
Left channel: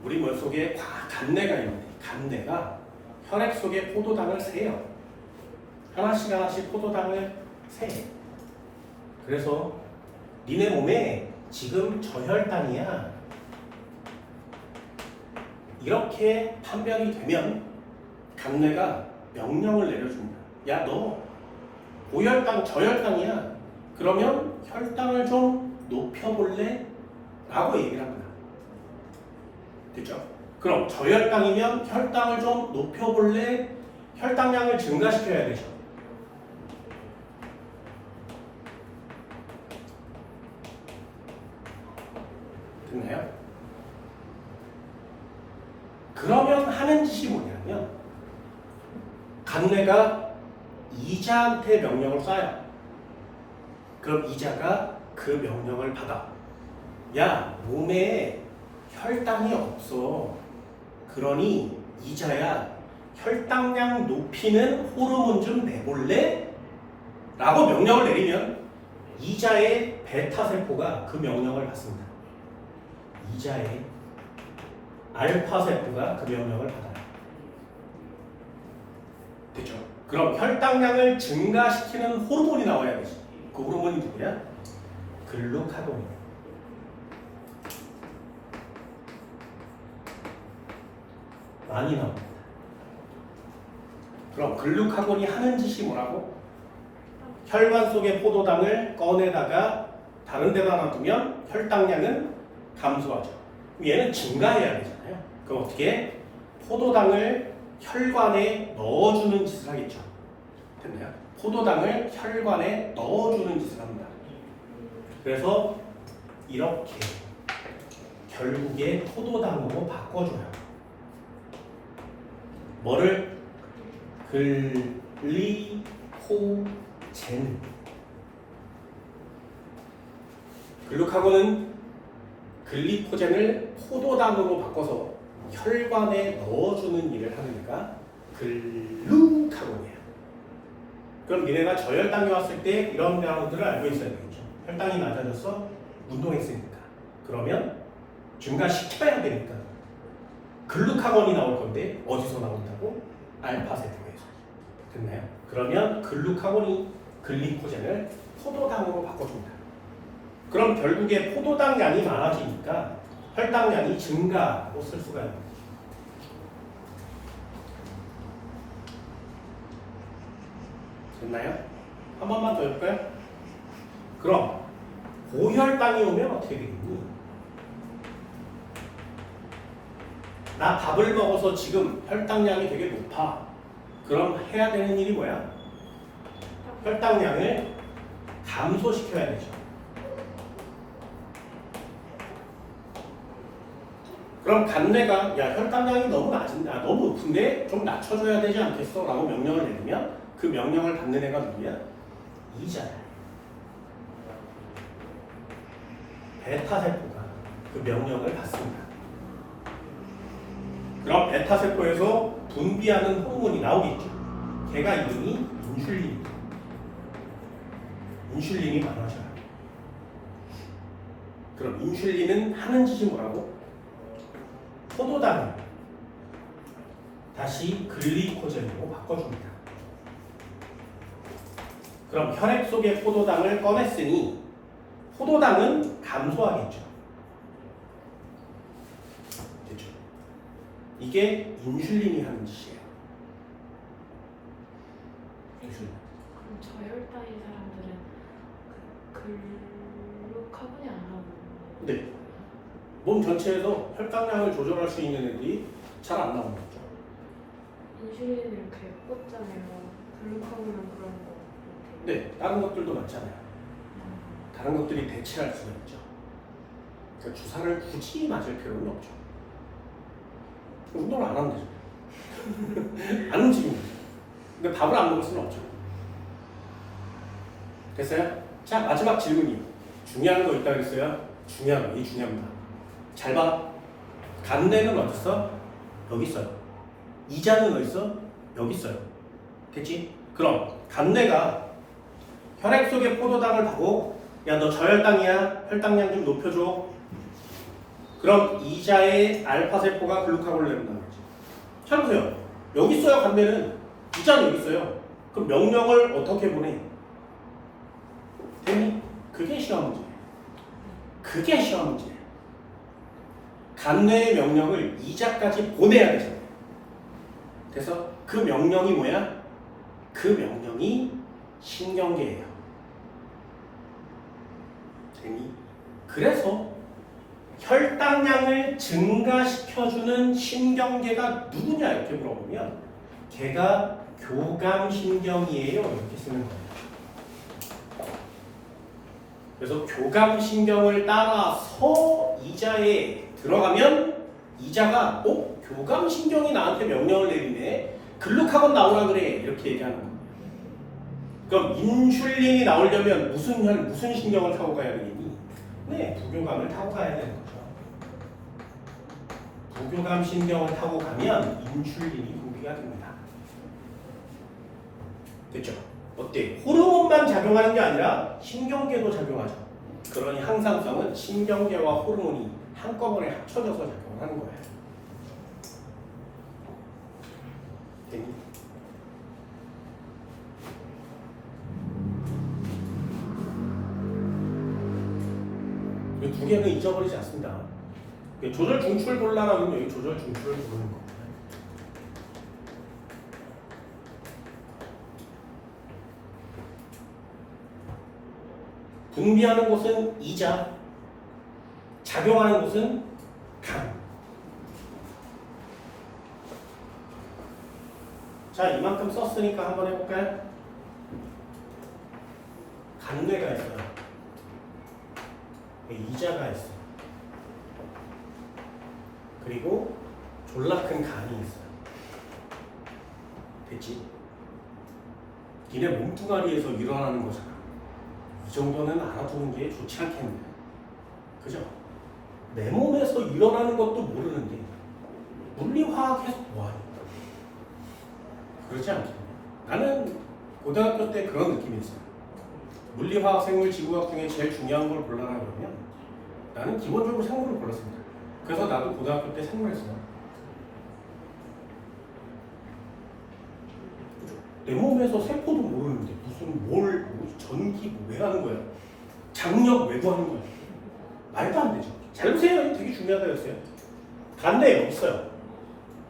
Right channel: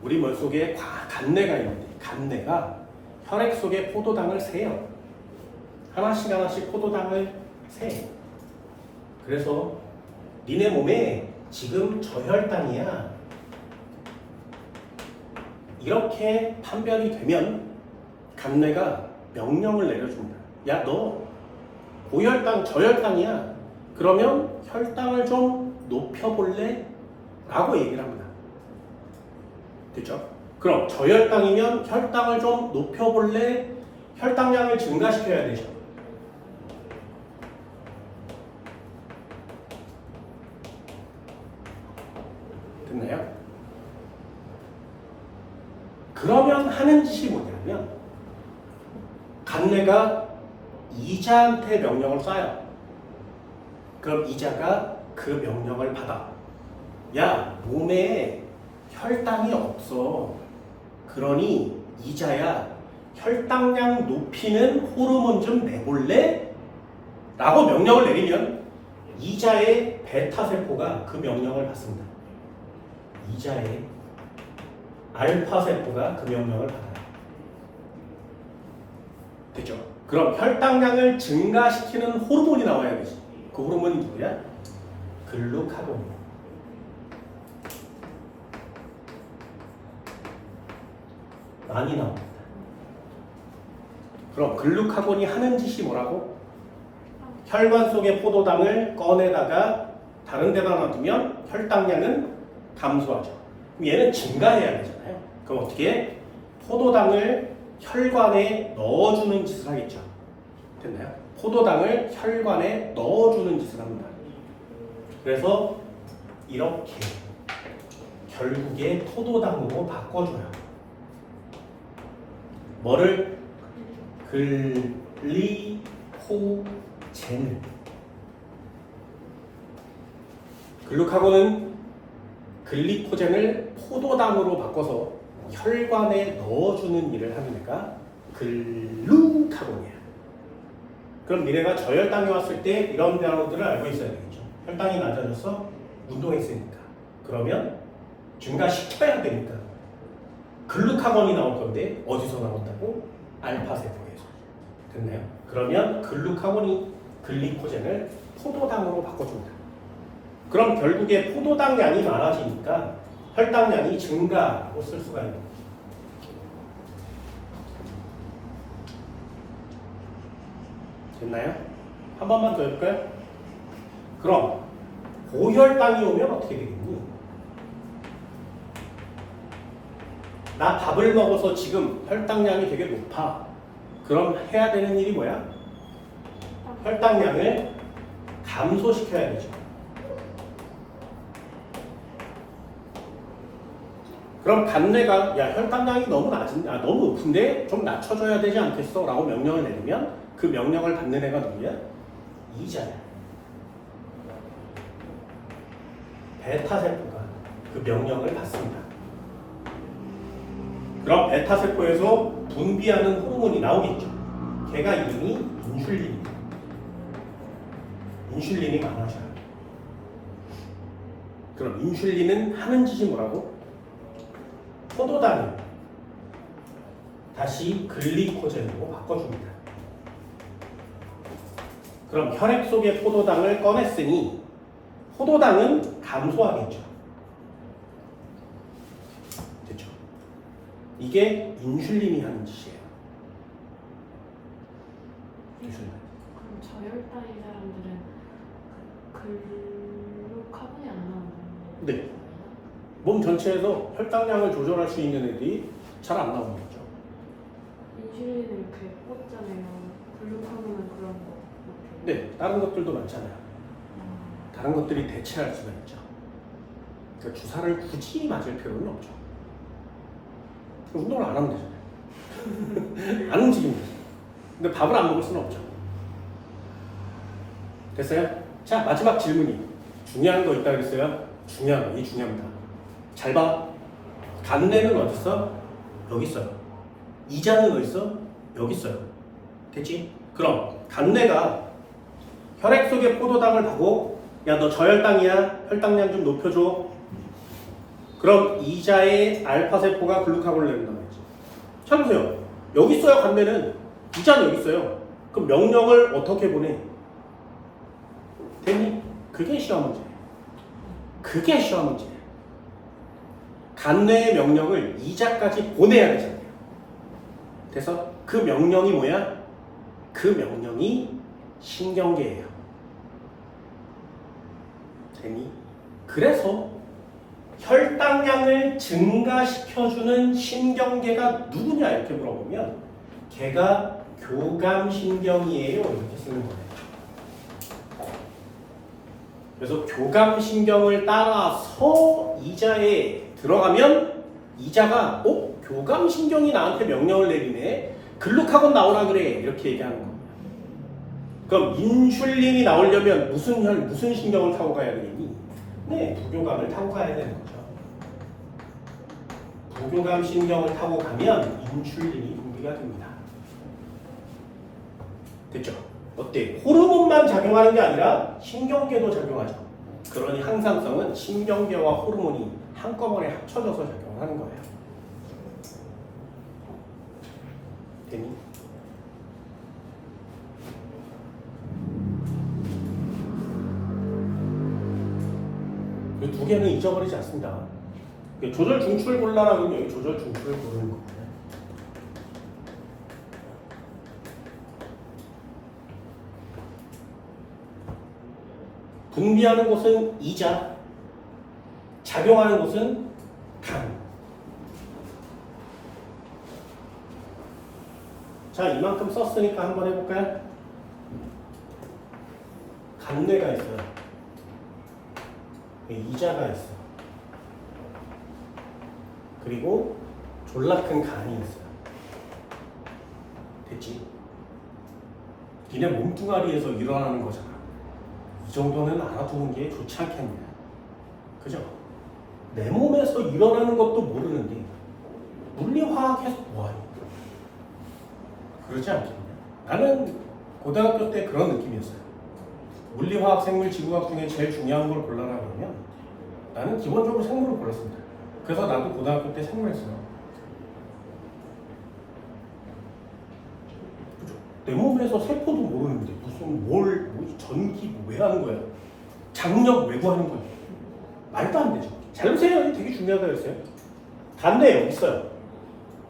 우리 머릿속에 간내가 있는데 간내가 혈액 속에 포도당을 세요. 하나씩 포도당을 세. 그래서 니네 몸에 지금 저혈당이야. 이렇게 판별이 되면 간내가 명령을 내려줍니다. 야, 너 고혈당, 저혈당이야. 그러면 혈당을 좀 높여볼래? 라고 얘기를 합니다. 됐죠? 그럼 저혈당이면 혈당을 좀 높여볼래? 혈당량을 증가시켜야 되죠. 됐나요? 그러면 하는 짓이 뭐냐면 간내가 이자한테 명령을 쏴요. 그럼 이자가 그 명령을 받아. 야, 몸에 혈당이 없어. 그러니 이자야, 혈당량 높이는 호르몬 좀 내볼래? 라고 명령을 내리면 이자의 베타세포가 그 명령을 받습니다. 이자의 알파세포가 그 명령을 받아요. 됐죠? 그럼 혈당량을 증가시키는 호르몬이 나와야 되지. 그 호르몬이 누구야? 글루카곤이에요. 많이 나옵니다. 그럼 글루카곤이 하는 짓이 뭐라고? 혈관 속의 포도당을 꺼내다가 다른 데다 놔두면 혈당량은 감소하죠. 그럼 얘는 증가해야 되잖아요. 그럼 어떻게? 포도당을 혈관에 넣어주는 짓을 하겠죠. 됐나요? 포도당을 혈관에 넣어주는 짓을 합니다. 그래서 이렇게 결국에 포도당으로 바꿔줘요. 뭐를? 글리코젠. 글루카곤은 글리코젠을 포도당으로 바꿔서 혈관에 넣어주는 일을 하니까 글루카곤이에요. 그럼 니네가 저혈당이 왔을 때 이런 단어들을 알고 있어야 되겠죠. 혈당이 낮아졌어? 운동했으니까. 그러면 증가시켜야 되니까 글루카곤이 나올 건데 어디서 나온다고? 알파세포에서. 됐나요? 그러면 글루카곤이 글리코젠을 포도당으로 바꿔줍니다. 그럼 결국에 포도당 양이 많아지니까 혈당량이 증가하고 쓸 수가 있는 거죠. 됐나요? 한 번만 더 해볼까요? 그럼 고혈당이 오면 어떻게 되겠니? 나 밥을 먹어서 지금 혈당량이 되게 높아. 그럼 해야 되는 일이 뭐야? 혈당량을 감소시켜야 되죠. 그럼 간뇌가 야, 혈당량이 너무 너무 높은데 좀 낮춰줘야 되지 않겠어? 라고 명령을 내리면 그 명령을 받는 애가 누구야? 이자야. 베타세포가 그 명령을 받습니다. 그럼 베타세포에서 분비하는 호르몬이 나오겠죠. 걔가 이름이 인슐린입니다. 인슐린이 많아져요. 그럼 인슐린은 하는 짓이 뭐라고? 포도당을 다시 글리코젠으로 바꿔줍니다. 그럼 혈액 속의 포도당을 꺼냈으니 포도당은 감소하겠죠. 됐죠? 이게 인슐린이 하는 짓이에요. 인슐린. 그럼 저혈당인 사람들은 글루카곤이 안 나오는 네. 몸 전체에서 혈당량을 조절할 수 있는 애들이 잘 안 나오는 거죠. 인슐린을 이렇게 꽂잖아요. 글루카곤은 그런 거 이렇게. 네, 다른 것들도 많잖아요. 다른 것들이 대체할 수가 있죠. 그러니까 주사를 굳이 맞을 필요는 없죠. 운동을 안 하면 되죠. 안 움직이면 되죠. 근데 밥을 안 먹을 수는 없죠. 됐어요? 자, 마지막 질문이 중요한 거 있다 그랬어요? 중요한 거, 이 중요합니다. 잘 봐. 간내는 어디 있어? 여기 있어요. 이자는 어디 있어? 여기 있어요. 됐지? 그럼 간내가 혈액 속의 포도당을 보고 야, 너 저혈당이야? 혈당량 좀 높여줘. 그럼 이자의 알파세포가 글루카곤을 내린다는 거지. 잘 보세요. 여기 있어요, 간내는. 이자는 여기 있어요. 그럼 명령을 어떻게 보내? 됐니? 그게 시험 문제예요. 그게 시험 문제예요. 간뇌의 명령을 이자까지 보내야 되잖아요. 그래서 그 명령이 뭐야? 그 명령이 신경계예요. 재미? 그래서 혈당량을 증가시켜주는 신경계가 누구냐 이렇게 물어보면 걔가 교감신경이에요 이렇게 쓰는 거예요. 그래서 교감신경을 따라서 이자에 들어가면 이자가 교감신경이 나한테 명령을 내리네. 글루카곤 나오라 그래. 이렇게 얘기하는 겁니다. 그럼 인슐린이 나오려면 무슨 신경을 타고 가야 되겠니? 네, 부교감을 타고 가야 되는 거죠. 부교감 신경을 타고 가면 인슐린이 분비가 됩니다. 됐죠? 어때? 호르몬만 작용하는 게 아니라 신경계도 작용하죠. 그러니 항상성은 신경계와 호르몬이 한꺼번에 합쳐져서 작용하는 거예요. 됐니? 이 두 개는 잊어버리지 않습니다. 조절 중추를 골라라고 하면 여기 조절 중추를 고르는 거예요. 분비하는 곳은 이자, 작용하는 곳은 간. 자, 이만큼 썼으니까 한번 해볼까요? 간뇌가 있어요. 이자가 있어요. 그리고 졸라 큰 간이 있어요. 됐지? 니네 몸뚱아리에서 일어나는 거잖아. 이 정도는 알아두는 게 좋지 않겠냐. 그죠? 내 몸에서 일어나는 것도 모르는데 물리화학에서 뭐하냐. 그러지 않겠냐. 나는 고등학교 때 그런 느낌이었어요. 물리화학, 생물, 지구학 중에 제일 중요한 걸 골라라 그러면 나는 기본적으로 생물을 골랐습니다. 그래서 나도 고등학교 때 생물했어요. 그죠? 내 몸에서 세포도 모르는데 무슨 전기 왜 하는 거야? 장력 왜 구하는 거야? 말도 안 되죠. 잘 보세요. 되게 중요하다 했어요. 간내 여기 있어요.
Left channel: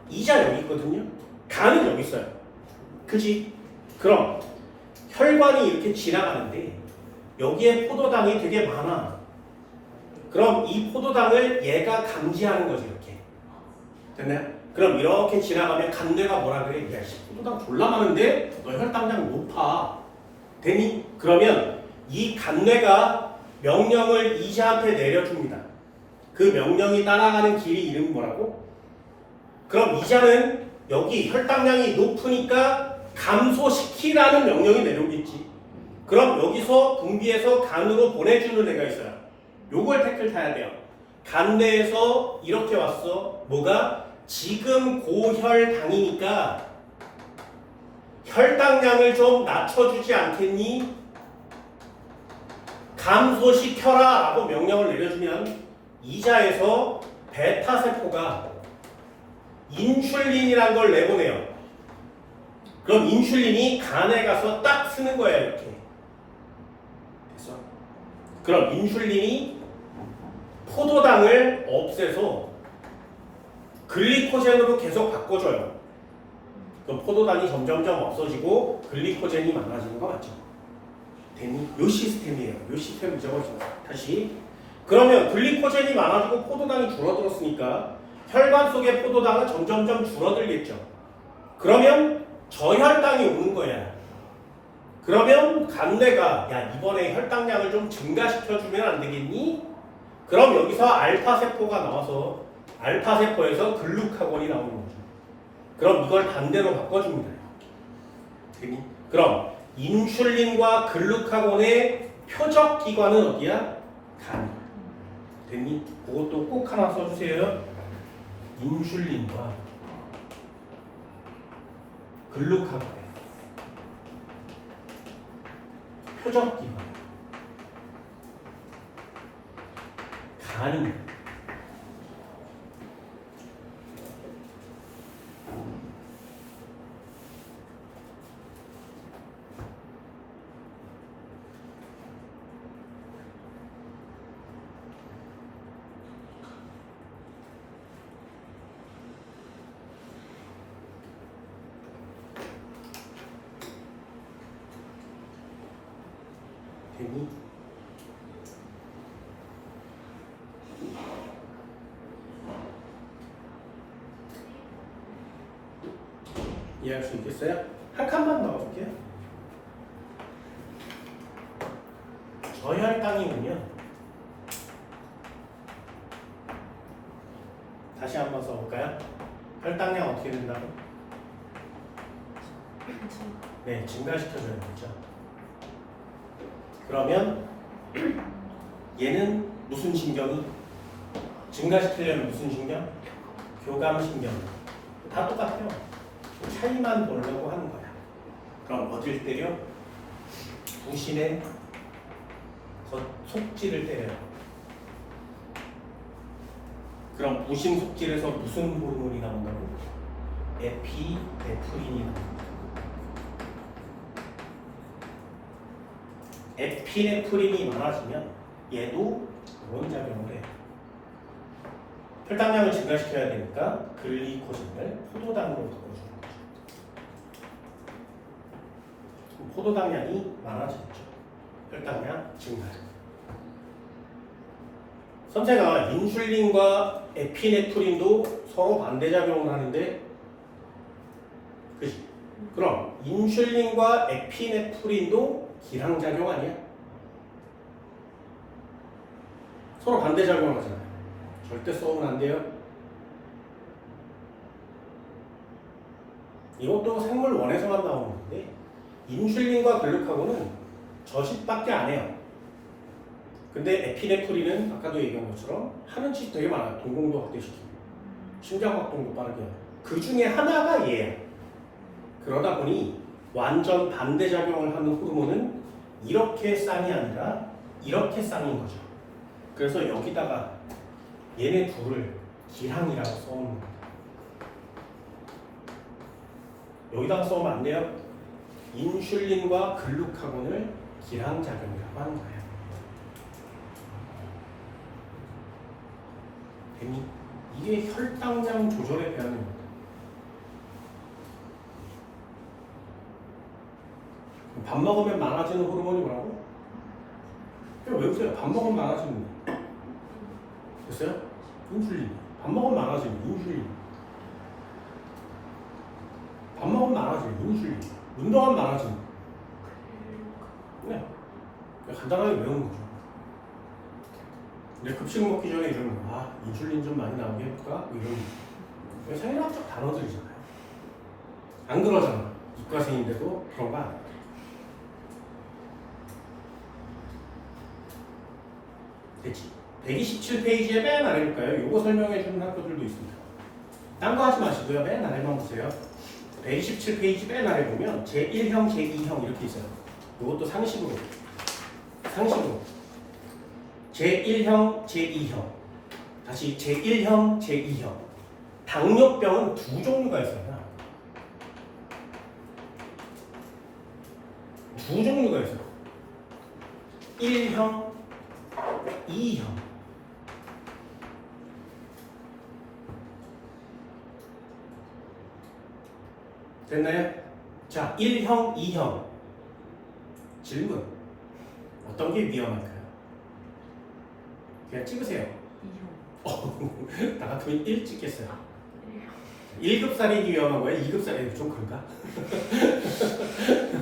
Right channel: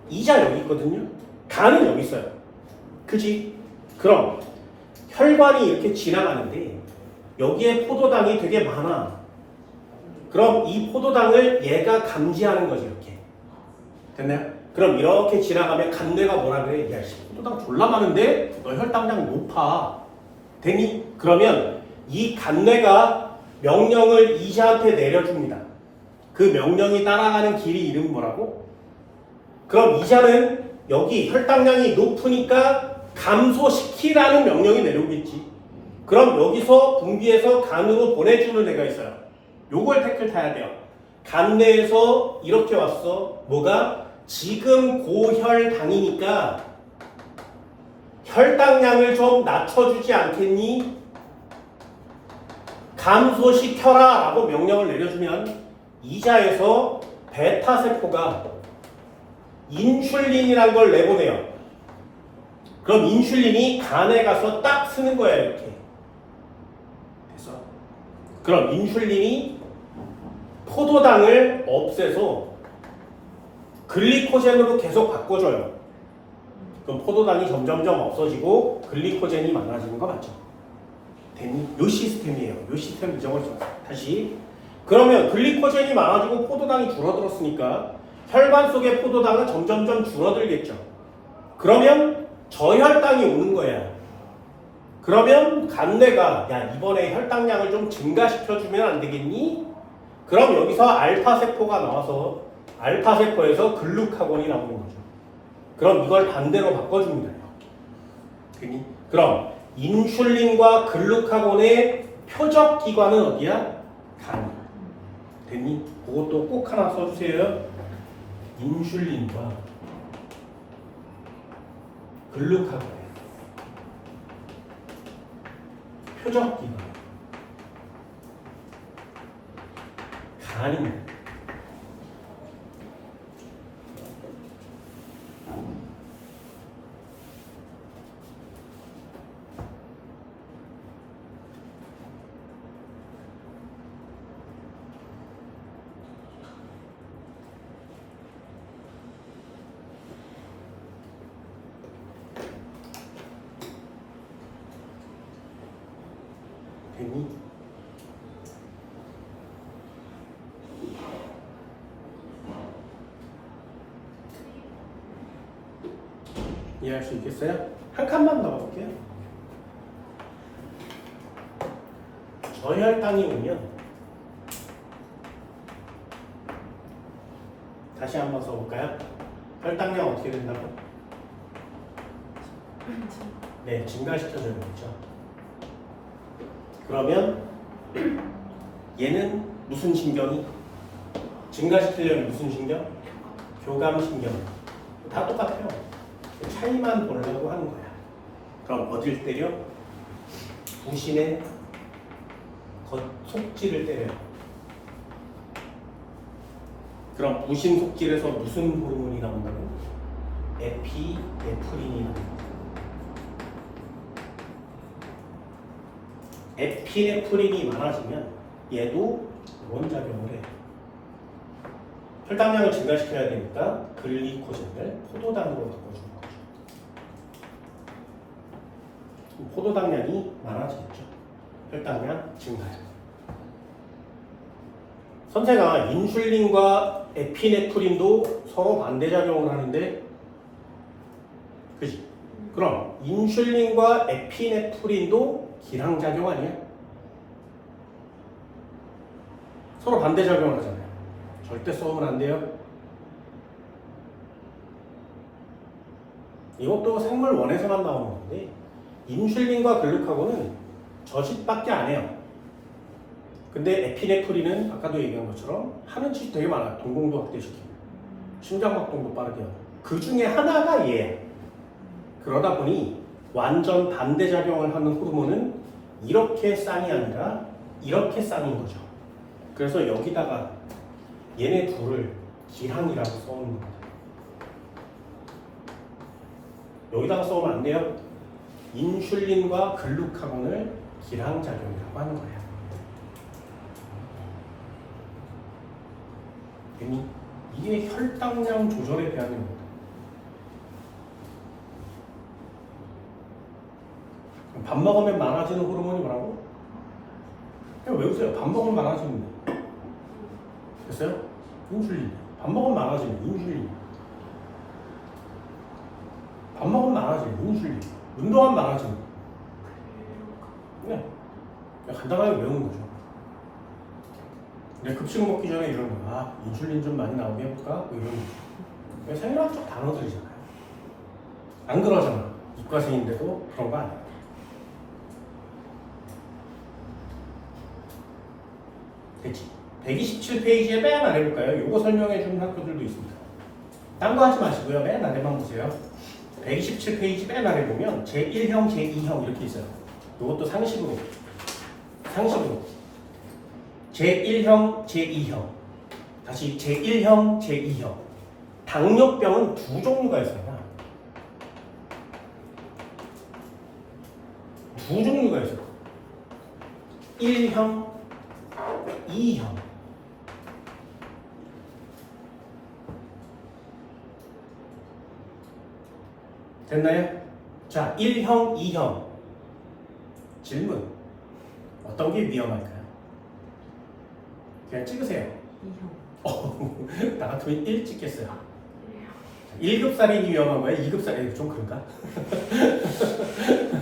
이자 여기 있거든요. 간은 여기 있어요. 그지? 그럼 혈관이 이렇게 지나가는데 여기에 포도당이 되게 많아. 그럼 이 포도당을 얘가 감지하는 거지 이렇게. 됐나요? 그럼 이렇게 지나가면 간뇌가 뭐라 그래? 야, 포도당 졸라 많은데 너 혈당량 높아. 되니? 그러면 이 간뇌가 명령을 이자한테 내려줍니다. 그 명령이 따라가는 길이 이름이 뭐라고? 그럼 이자는 여기 혈당량이 높으니까 감소시키라는 명령이 내려오겠지. 그럼 여기서 분비해서 간으로 보내주는 애가 있어요. 요걸 택을 타야 돼요. 간내에서 이렇게 왔어. 뭐가? 지금 고혈당이니까 혈당량을 좀 낮춰주지 않겠니? 감소시켜라 라고 명령을 내려주면 이자에서 베타세포가 인슐린이란 걸 내보내요. 그럼 인슐린이 간에 가서 딱 쓰는 거야 이렇게. 됐어? 그럼 인슐린이 포도당을 없애서 글리코젠으로 계속 바꿔줘요. 그럼 포도당이 점점점 없어지고 글리코젠이 많아지는 거 맞죠? 요 시스템이에요. 요 시스템 잊어버리죠. 다시. 그러면 글리코젠이 많아지고 포도당이 줄어들었으니까 혈관 속의 포도당은 점점점 줄어들겠죠. 그러면 저혈당이 오는 거야. 그러면 간뇌가 야 이번에 혈당량을 좀 증가시켜주면 안 되겠니? 그럼 여기서 알파세포가 나와서 알파세포에서 글루카곤이 나오는 거죠. 그럼 이걸 반대로 바꿔줍니다. 되니? 그럼 인슐린과 글루카곤의 표적 기관은 어디야? 간. 됐니? 그것도 꼭 하나 써주세요. 인슐린과 글루카곤의 표적 기관 간입니다. 되니? 이해할 수 있겠어요? 한 칸만 넣어볼게요. 저혈당이 오면 다시 한번 써볼까요? 혈당량 어떻게 된다고? 네, 증가시켜줘야겠죠. 그러면 얘는 무슨 신경이? 증가시키려면 무슨 신경? 교감신경. 다 똑같아요. 차이만 보려고 하는 거야. 그럼 어딜 때려? 부신의 속지를 때려요. 그럼 부신 속질에서 무슨 호르몬이 나온다고? 에피네프린이 나옵니다. 에피네프린이 많아지면 얘도 이런 작용을 해요. 혈당량을 증가시켜야 되니까 글리코젠을 포도당으로 바꿔주는 거죠. 포도당량이 많아지겠죠. 혈당량 증가. 선생아, 인슐린과 에피네프린도 서로 반대작용을 하는데, 그치? 그럼 인슐린과 에피네프린도 기량작용 아니야? 서로 반대작용 하잖아요. 절대 써면 안 돼요. 이것도 생물 원에서만 나오는 건데, 인슐린과 글루카곤은 저식밖에 안 해요. 근데 에피네프린은 아까도 얘기한 것처럼 하는 짓이 되게 많아요. 동공도 확대시키고 심장박동도 빠르게 하고 그 중에 하나가 얘예요. 그러다 보니 완전 반대작용을 하는 호르몬은 이렇게 쌍이 아니라 이렇게 쌍인 거죠. 그래서 여기다가 얘네 둘을 기항이라고 써놓는 겁니다. 여기다가 써오면 안 돼요. 인슐린과 글루카곤을 기항작용이라고 하는 거예요. 이게 혈당량 조절에 대한 겁니다. 밥 먹으면 많아지는 호르몬이 뭐라고? 그냥 외우세요. 밥 먹으면 많아지는 거. 됐어요? 인슐린. 밥 먹으면 많아지는 인슐린. 밥 먹으면 많아지는 인슐린. 운동하면 많아지는 거. 그냥 간단하게 외우는 거죠. 급식 먹기 전에 이런 거, 인슐린 좀 많이 나오게 해볼까? 뭐 이런 거. 생리학적 단어들이잖아요. 안 그러잖아. 이과생인데도 그런 거 아니야. 됐지? 127페이지에 맨 아래 볼까요? 요거 설명해 주는 학교들도 있습니다. 딴 거 하지 마시고요. 맨 아래만 보세요. 127페이지 맨 아래 보면 제1형, 제2형 이렇게 있어요. 요것도 상식으로. 제1형, 제2형. 다시 제1형, 제2형. 당뇨병은 두 종류가 있어요. 두 종류가 있어요. 1형, 2형. 됐나요? 자, 1형, 2형. 질문. 어떤 게 위험할까요? 그냥 찍으세요. 2형. 나 같으면 1 찍겠어요. 1급 살인이 위험한 거야? 2급 살인이 좀 그런가?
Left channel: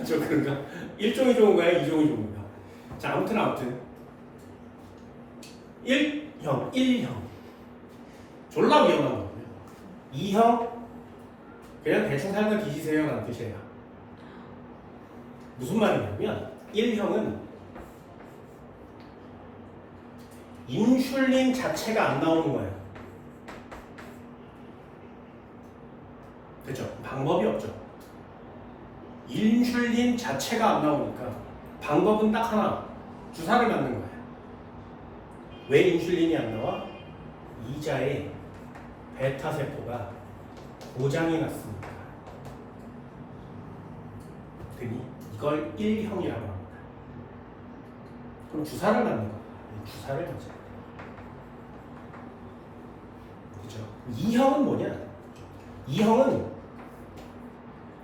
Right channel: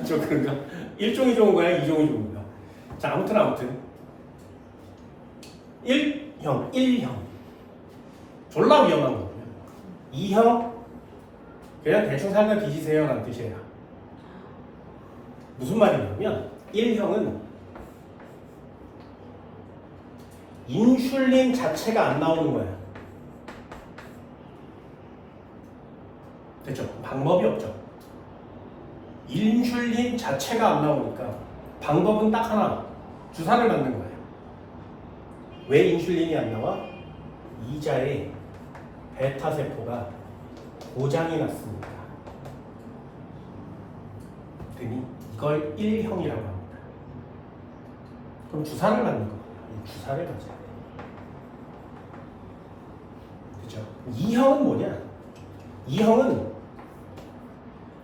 좀 그런가? 1종이 좋은 거야? 2종이 좋은 거야? 자, 아무튼 1형, 1형 졸라 위험한 거고요. 2형 그냥 대충 살다 뒤지세요 라는 뜻이에요. 무슨 말이냐면 1형은 인슐린 자체가 안 나오는 거예요. 됐죠? 방법이 없죠. 인슐린 자체가 안 나오니까 방법은 딱 하나, 주사를 맞는 거예요. 왜 인슐린이 안 나와? 이자의 베타 세포가 고장이 났습니다. 그니 이걸 1형이라고 합니다. 그럼 주사를 맞는 거예요. 주사를 맞아야 돼요. 그죠? 2형은 뭐냐? 2형은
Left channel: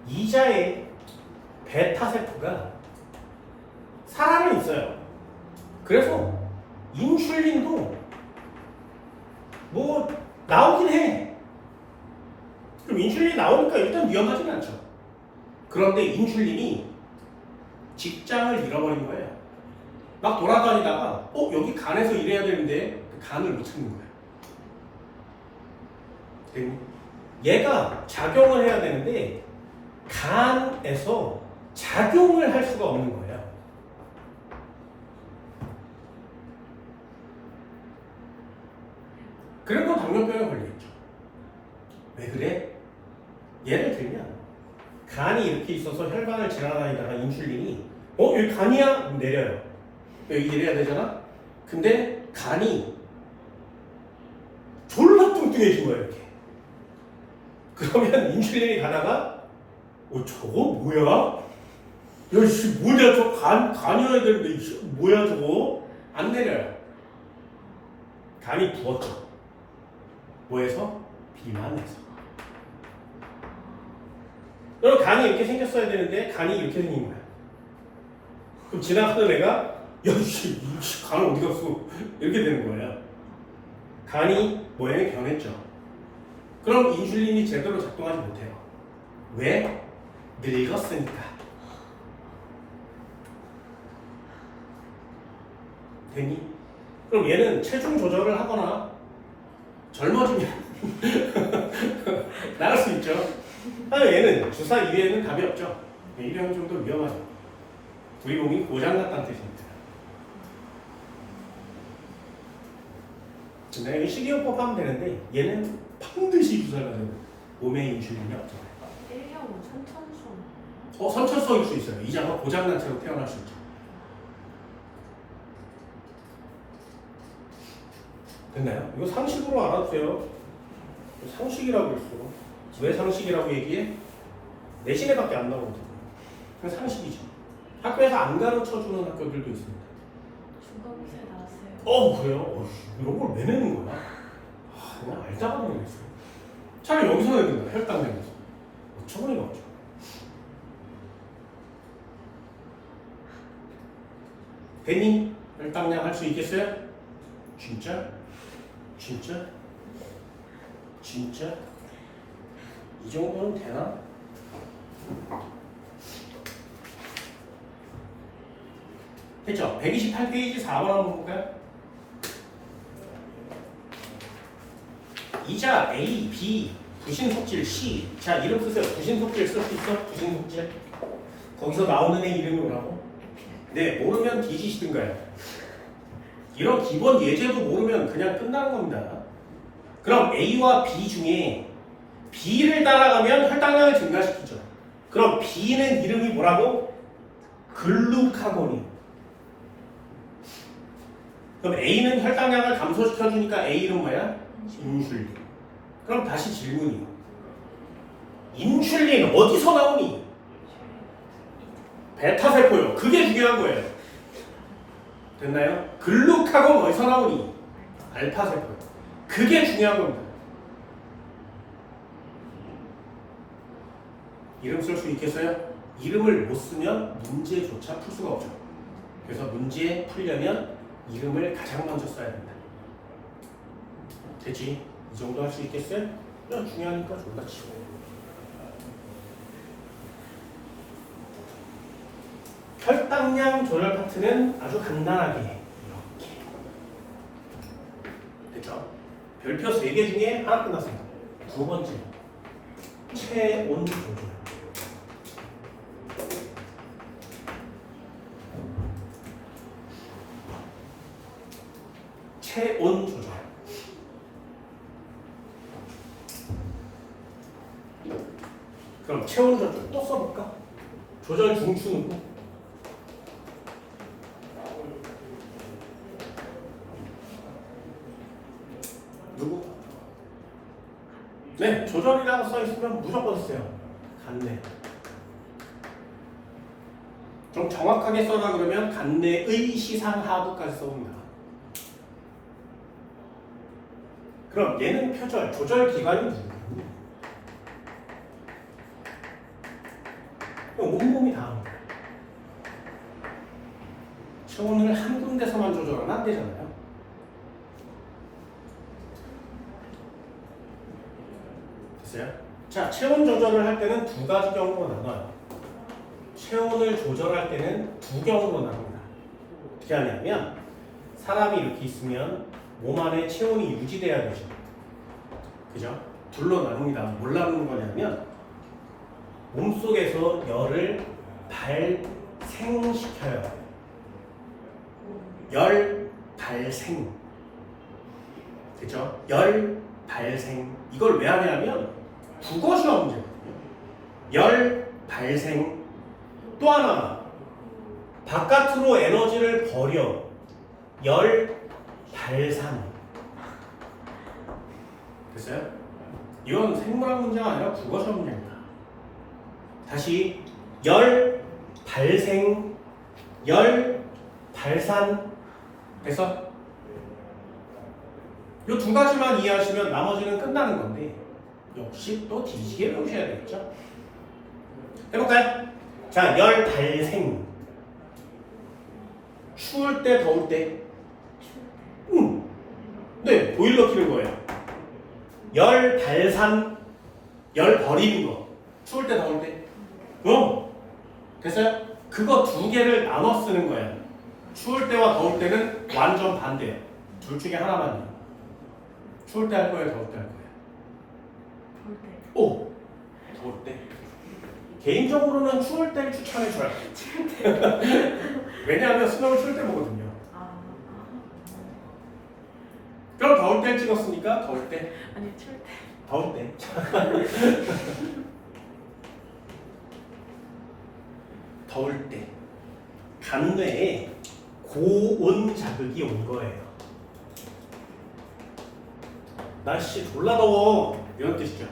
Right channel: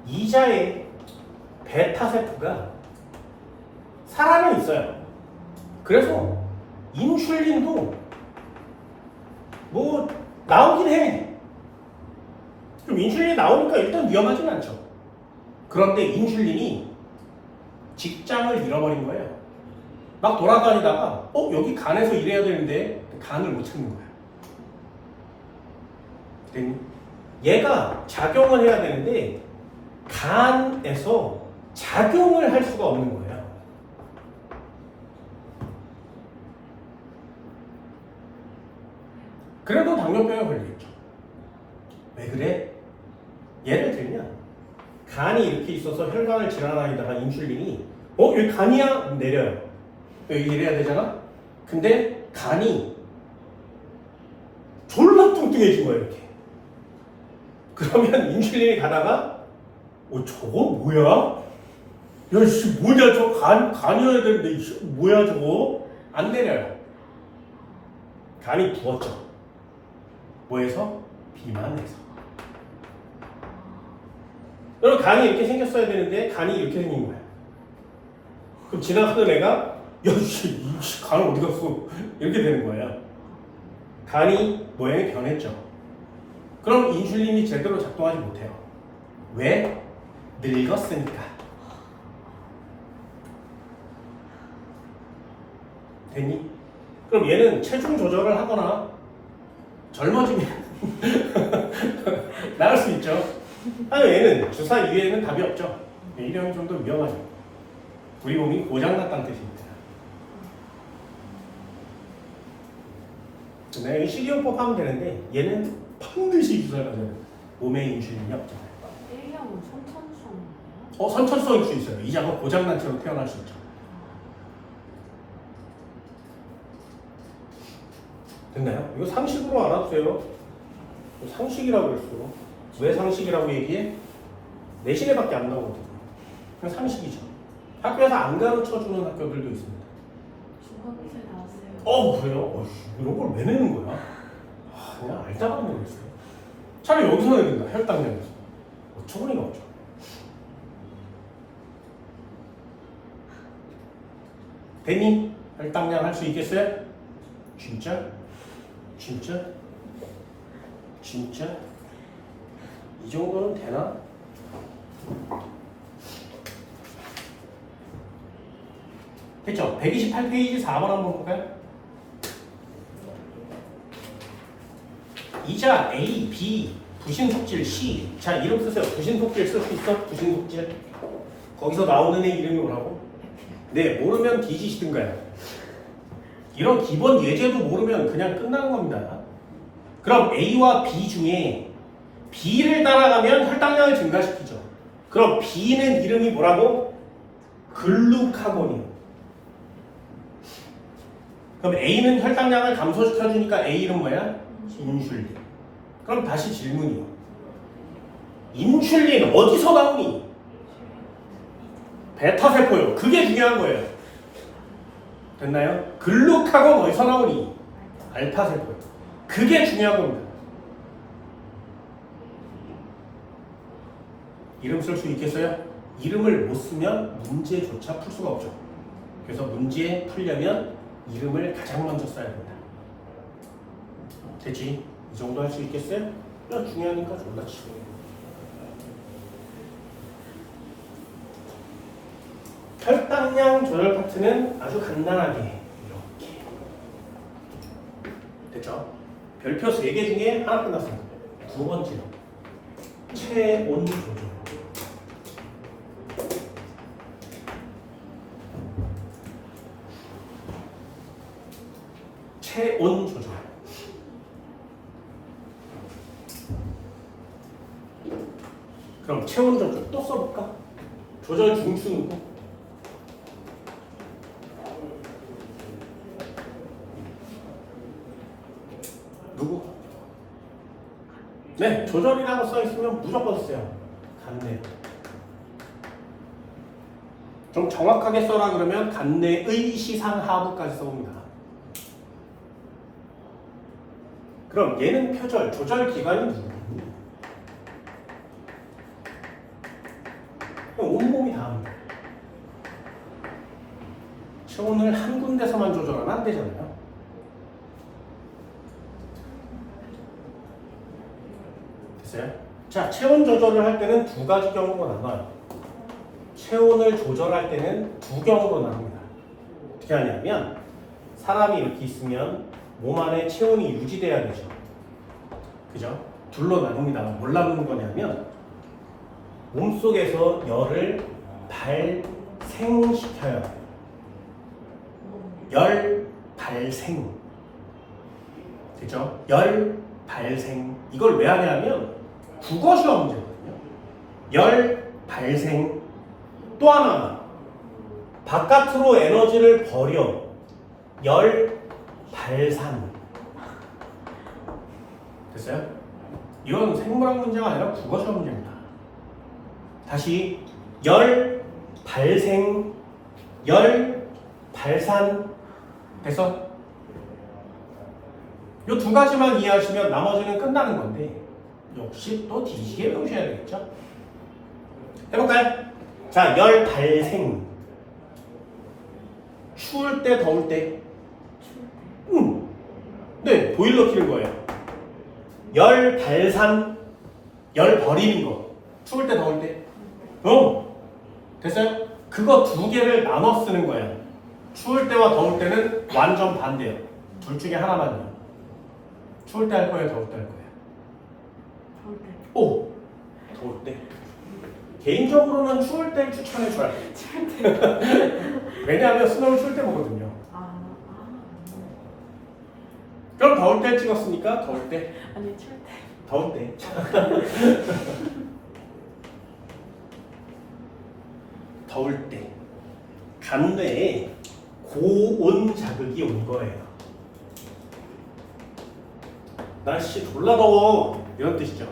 이자의 베타 세포가 살아는 있어요. 그래서 인슐린도 뭐 나오긴 해. 그럼 인슐린이 나오니까 일단 위험하진 않죠. 그런데 인슐린이 직장을 잃어버린 거예요. 막 돌아다니다가 여기 간에서 일해야 되는데 간을 못 찾는 거예요. 얘가 작용을 해야 되는데 간에서 작용을 할 수가 없는 거예요. 그래도 당뇨병에 걸리겠죠. 왜 그래? 예를 들면 간이 이렇게 있어서 혈관을 지나다니다가 인슐린이 여기 간이야? 내려요. 여기 이래야 되잖아? 근데 간이 졸라 뚱뚱해진 거예요, 이렇게. 그러면 인슐린이 가다가 저거 뭐야? 야, 씨, 뭐냐, 저 간이어야 되는데, 뭐야, 저거? 안 내려요. 간이 부었죠. 뭐해서? 비만해서. 여러분, 간이 이렇게 생겼어야 되는데, 간이 이렇게 생긴 거야. 그럼 지나가던 애가, 야, 씨, 간 어디 갔어? 이렇게 되는 거예요. 간이 모양이 변했죠. 그럼 인슐린이 제대로 작동하지 못해요. 왜? 늙었으니까. 됐니? 그럼 얘는 체중 조절을 하거나 젊어지면 나을 수 있죠. 아니 얘는 주사 이외에는 답이 없죠. 이형이 좀 더 위험하죠. 우리 몸이 고장났다는 뜻입니다. 여기 식이요법 하면 되는데 얘는 반드시 주사를 맞아요. 몸에 인슐린이 없잖아요. 1형은 선천성. 선천성일 수 있어요. 이자가 고장난 채로 태어날 수 있죠. 됐나요? 이거 상식으로 알아두세요. 상식이라고 했어. 왜 상식이라고 얘기해? 내신에밖에 안 나오거든요. 그냥 상식이죠. 학교에서 안 가르쳐주는 학교들도 있습니다. 중간고사에 나왔어요. 그래요? 이런 걸 왜 내는 거야? 그냥 알다가 모르겠어요. 차라리 여기서 내야 된다. 혈당량에서. 어처구니가 없죠. 됐니? 혈당량 할 수 있겠어요? 진짜? 진짜? 진짜? 이 정도는 되나? 됐죠? 128페이지 4번 한번 볼까요? 이자 A, B, 부신속질 C. 자, 이름 쓰세요. 부신속질 쓸 수 있어? 부신속질. 거기서 나오는 애 이름이 뭐라고? 네, 모르면 뒤지시든가요. 이런 기본 예제도 모르면 그냥 끝나는 겁니다. 그럼 A와 B 중에 B를 따라가면 혈당량을 증가시키죠. 그럼 B는 이름이 뭐라고? 글루카곤이에요. 그럼 A는 혈당량을 감소시켜주니까 A 이름 뭐야? 인슐린. 그럼 다시 질문이요. 인슐린 어디서 나오니? 베타세포요. 그게 중요한 거예요. 됐나요? 글루카곤 어디서 나오니? 알파세포. 그게 중요한 겁니다. 이름 쓸 수 있겠어요? 이름을 못 쓰면 문제조차 풀 수가 없죠. 그래서 문제 풀려면 이름을 가장 먼저 써야 된다. 됐지? 이 정도 할 수 있겠어요? 그냥 중요하니까 졸라 치고. 혈당량 조절 파트는 아주 간단하게 이렇게 됐죠? 별표 3개 중에 하나 끝났어요. 두 번째 체온 조절. 체온 조절. 그럼 체온 조절 또 써볼까? 조절 중추는 누구? 네, 조절이라고 써있으면 무조건 쓰세요. 간내. 좀 정확하게 써라 그러면 간내의 시상하부까지 써봅니다. 그럼 얘는 표절, 조절 기관이 누구니? 온몸이 다 합니다. 체온을 한 군데서만 조절하면 안 되잖아요. 됐어요? 자, 체온 조절을 할 때는 두 가지 경우로 나눠요. 체온을 조절할 때는 두 경우로 나눕니다. 어떻게 하냐면 사람이 이렇게 있으면 몸 안에 체온이 유지돼야 되죠. 그죠? 둘로 나눕니다. 뭘 나누는 거냐면 몸속에서 열을 발생시켜요. 열 발생. 그죠? 열 발생. 이걸 왜 하냐면 국어 시험 문제거든요. 열 발생. 또 하나 바깥으로 에너지를 버려. 열 발산. 됐어요? 이건 생물학 문제가 아니라 국어 시험 문제입니다. 다시 열 발생, 열 발산. 돼서 이 두 가지만 이해하시면 나머지는 끝나는 건데 역시 또 뒤지게 배우셔야 되겠죠? 해볼까요? 자, 열 발생. 추울 때, 더울 때. 네, 보일러 키는 거예요. 열 발산, 열 버리는 거. 추울 때, 더울 때. 됐어요? 그거 두 개를 나눠 쓰는 거예요. 추울 때와 더울 때는 완전 반대예요. 둘 중에 하나만요. 추울 때 할 거예요, 더울 때 할 거예요? 더울 때. 오! 더울 때. 개인적으로는 추울 때 추천해줘요. 추울 때. 왜냐하면 수능을 추울 때 보거든요. 아. 그럼 더울 때 찍었으니까 더울 때. 아니 추울 때. 더울 때. 더울 때. 간뇌에 고온 자극이 온 거예요. 날씨 졸라 더워. 이런 뜻이죠.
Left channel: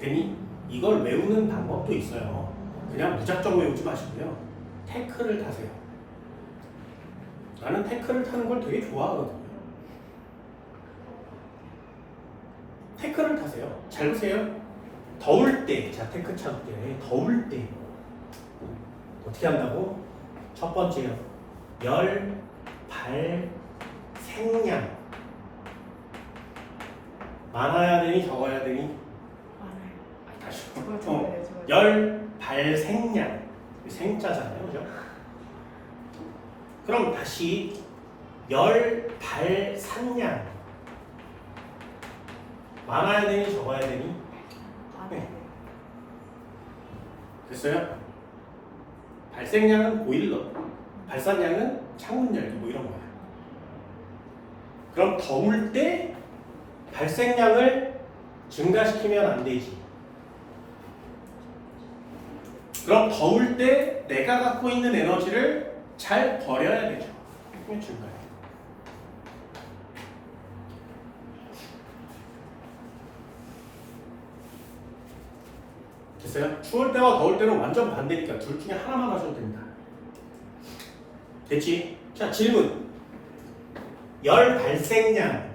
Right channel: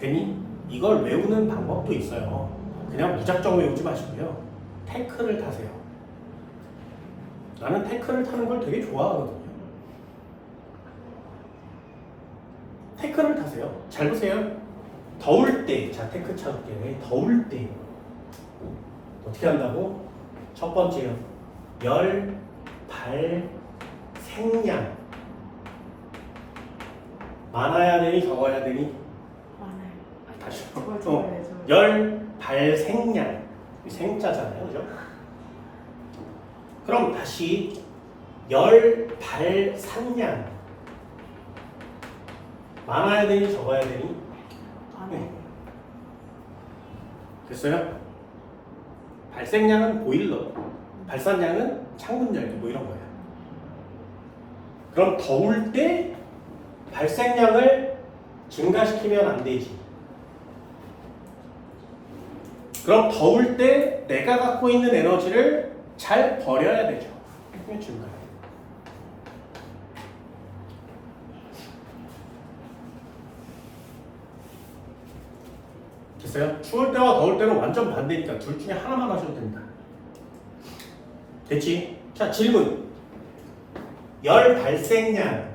되니? 이걸 외우는 방법도 있어요. 그냥 무작정 외우지 마시고요. 태클을 타세요. 나는 태클을 타는 걸 되게 좋아하거든요. 태클을 타세요. 잘 보세요. 더울 때, 자 태클 찾을게요. 더울 때 어떻게 한다고? 첫 번째요. 열, 발, 생량. 많아야 되니 적어야 되니? 많아요. 다시. 저요. 열, 발, 생량. 생자잖아요, 그죠? 그럼 다시 열, 발, 산량. 많아야 되니 적어야 되니? 많아요. 됐어요? 발생량은 보일러, 발산량은 창문 열기 뭐 이런 거예요. 그럼 더울 때 발생량을 증가시키면 안 되지. 그럼 더울 때 내가 갖고 있는 에너지를 잘 버려야 되죠. 그게 증가해요. 됐어요? 추울 때와 더울 때는 완전 반대니까 둘 중에 하나만 하셔도 됩니다. 됐지? 자, 질문. 열 발생량.